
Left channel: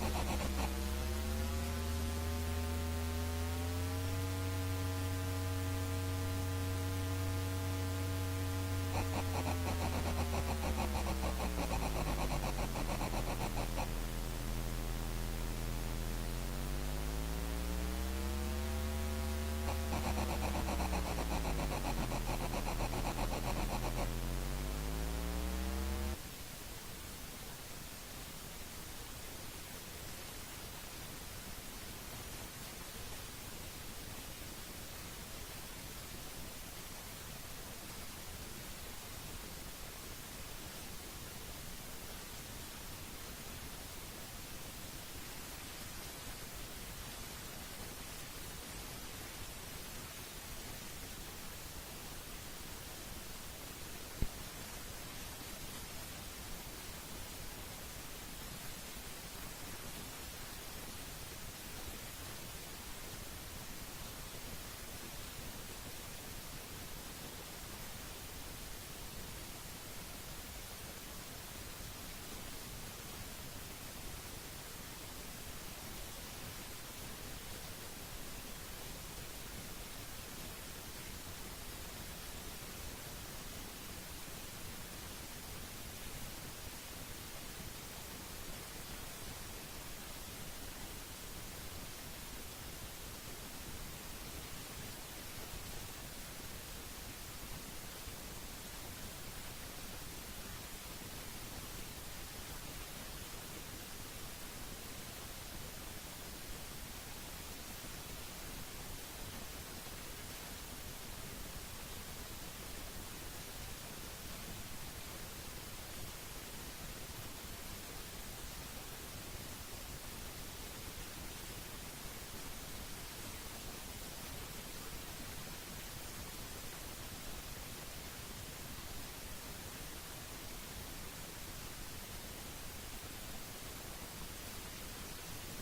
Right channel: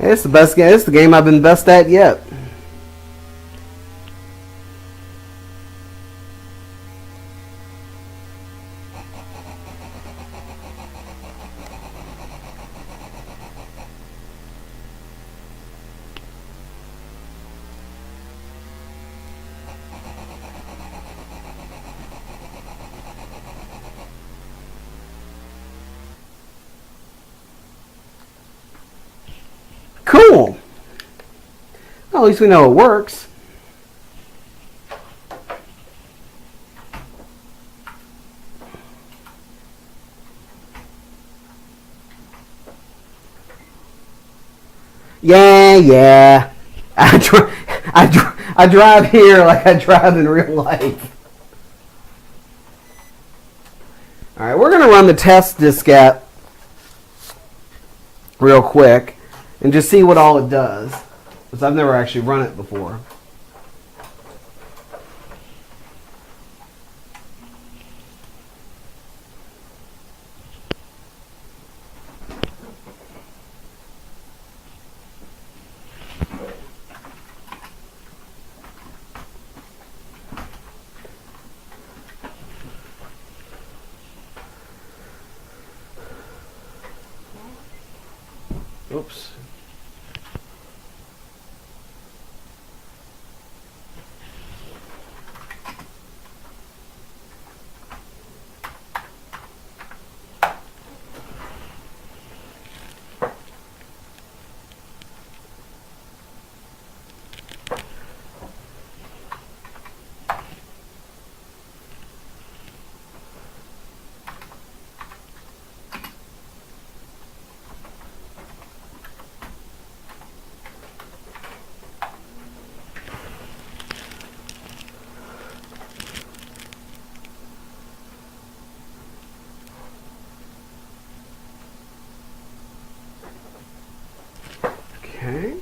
It's the best game. It's the game I've been best at yet. Cool. Well, at least we know it works. Yeah. I drive here like I drive in real life. All right, we're going to run the test diskette real quick and just see what all it does, because I've never actually run it before. Oops. Okay.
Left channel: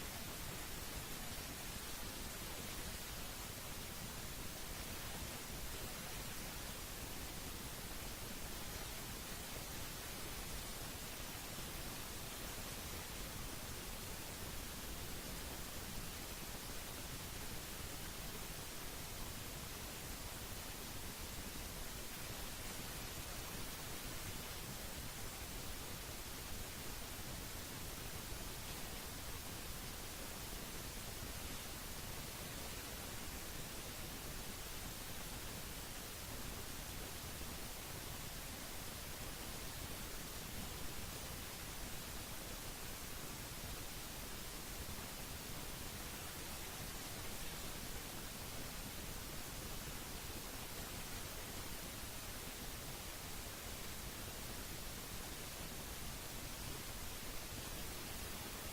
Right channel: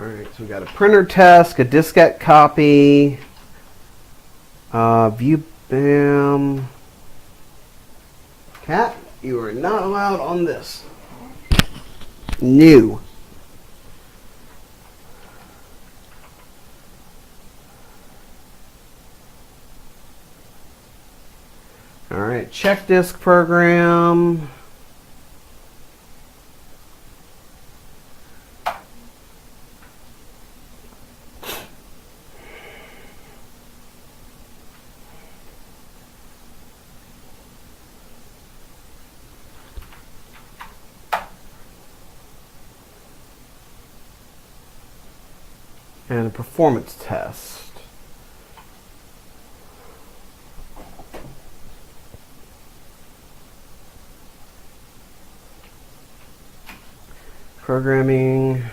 Alright, so we got a printer test, a diskette copy, view BAM. Cat, you are not allowed on this. New. Alright, check disk program. And a performance test. Programming.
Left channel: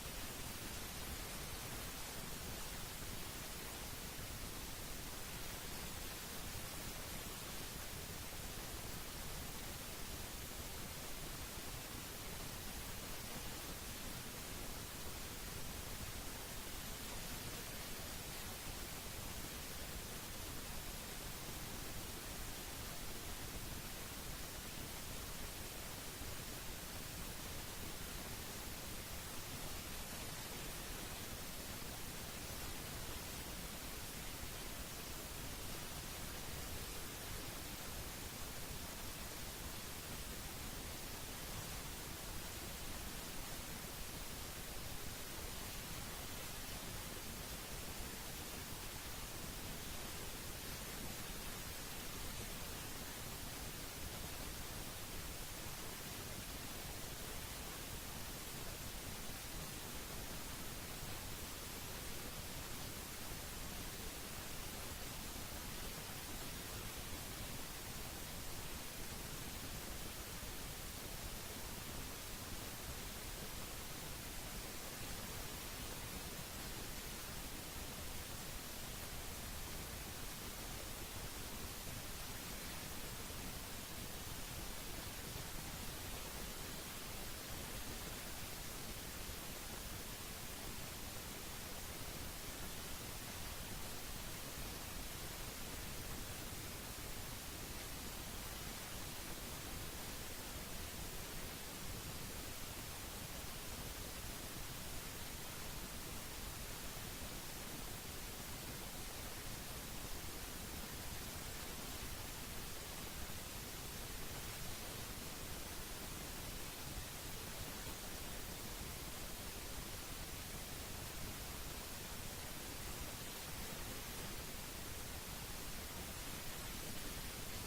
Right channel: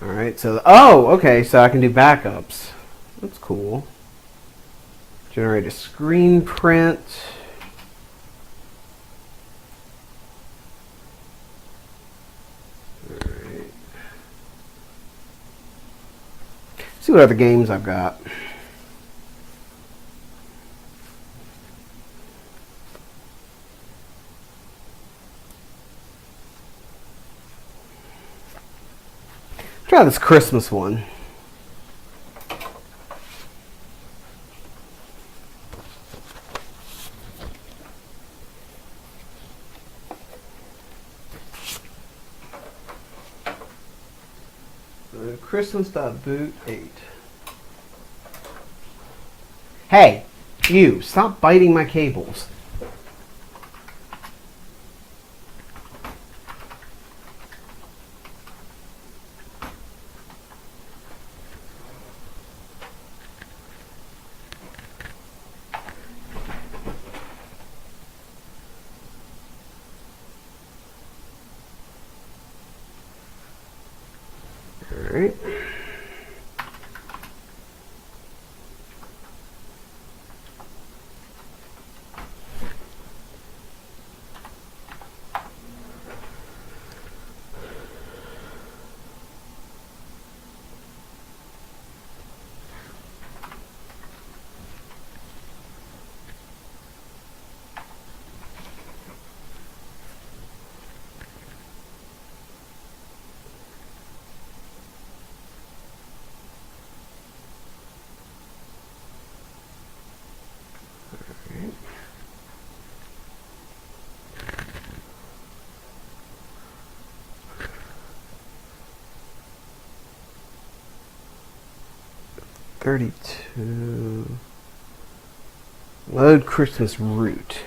Alright, so, oh, okay, so I can do backups. That's cool. Generate a screen print. Alright. See what other games I've got. Try this Christmas one. Christmas.boot 8. Hey, you, stop biting my cables. Alright. 32. Load Christmas root.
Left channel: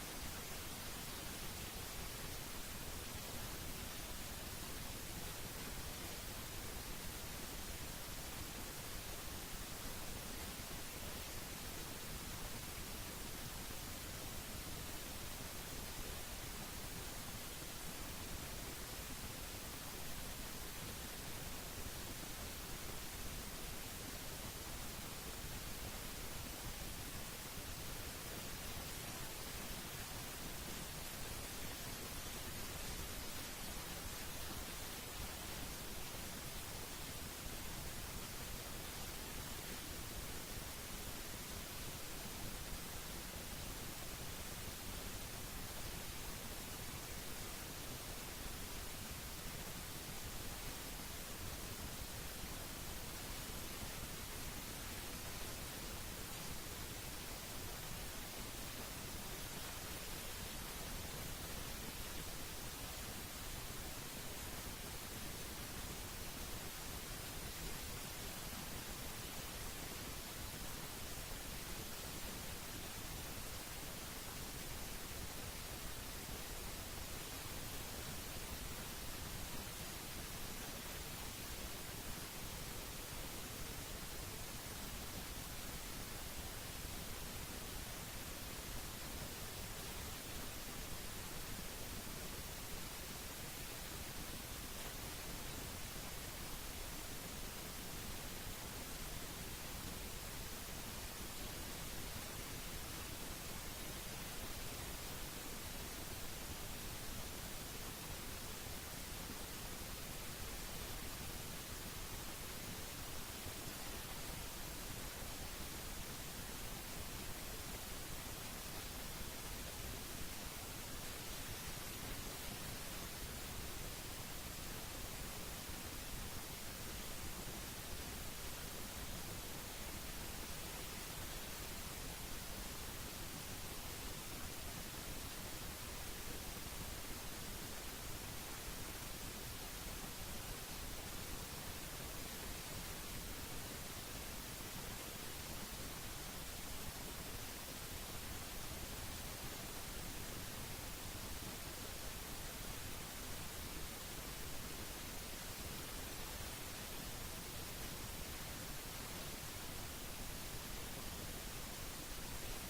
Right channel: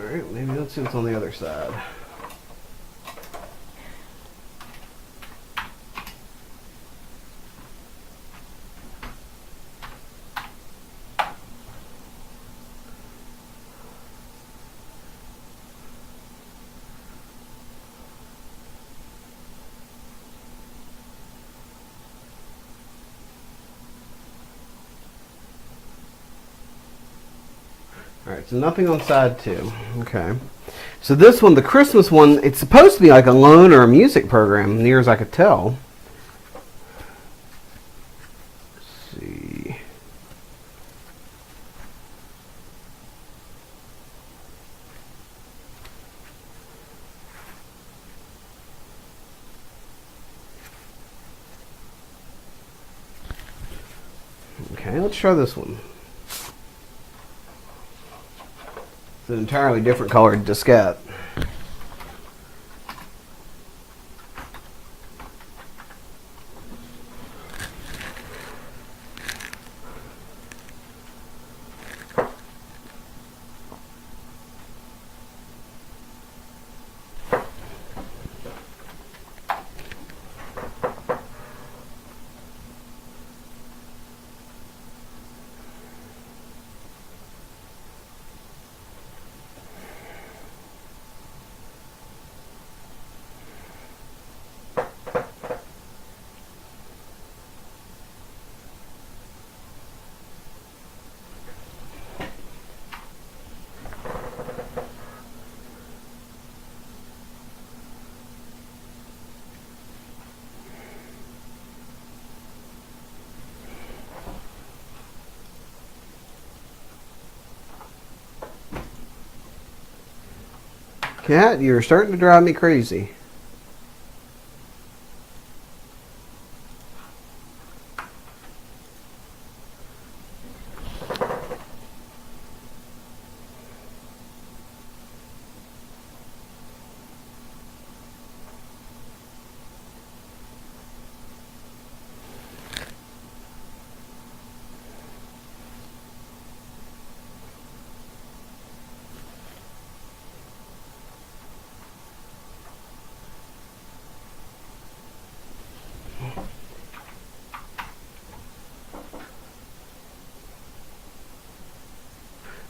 Alright, maybe let's see what's on the other side. Alright, so nothing on side 2. Okay. So this one, the Christmas one, it's supposed to be like a loan or a music program, near as I could tell. Let's see. Okay, let's try this one. It's an entirely different colored diskette. Cat, you're starting to drive me crazy.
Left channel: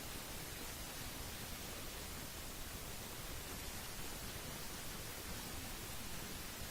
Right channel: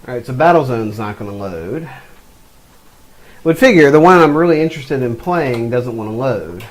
Alright, so Battlezone's not going to load. Would figure the one I'm really interested in playing doesn't want to load.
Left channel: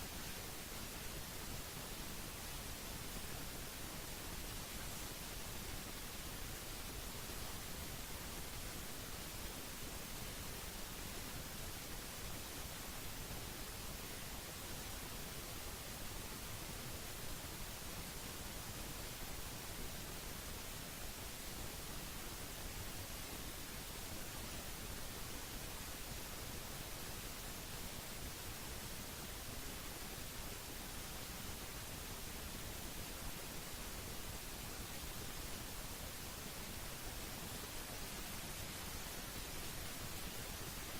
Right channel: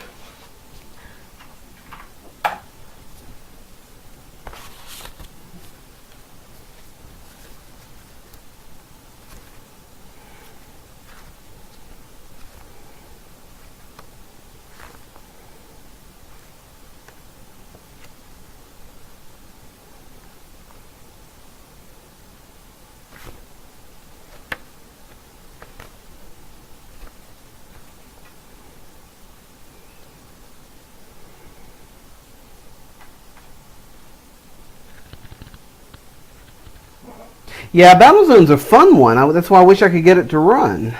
Yeah, Battlezone's a fun one. That's why I wish I could get it to run.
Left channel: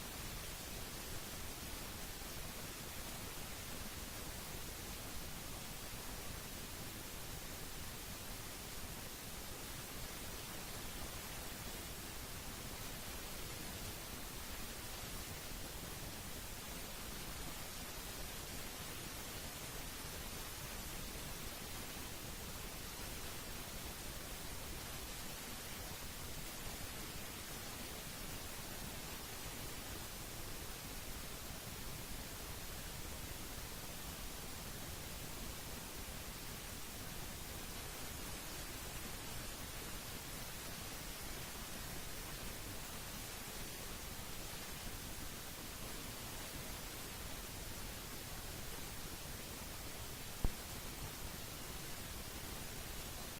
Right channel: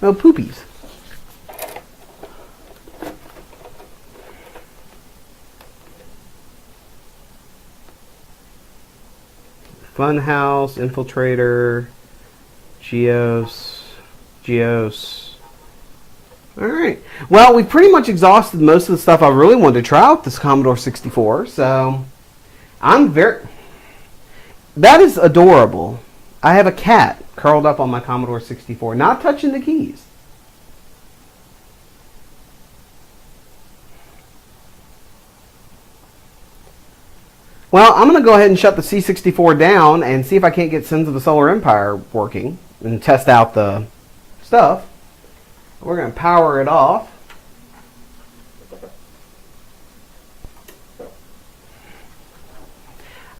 No poopies. Funhouse, Infiltrator, Geos. Alright. Well, we pretty much exhausted most of the stuff I really wanted to try with this Commodore 64, so I'm very... That is adorable. I have a cat curled up on my Commodore 64, not touching the keys. Well, I'm going to go ahead and shut the C64 down and see if I can't get Sins of the Solar Empire working and test out the stuff. We're going to power it off.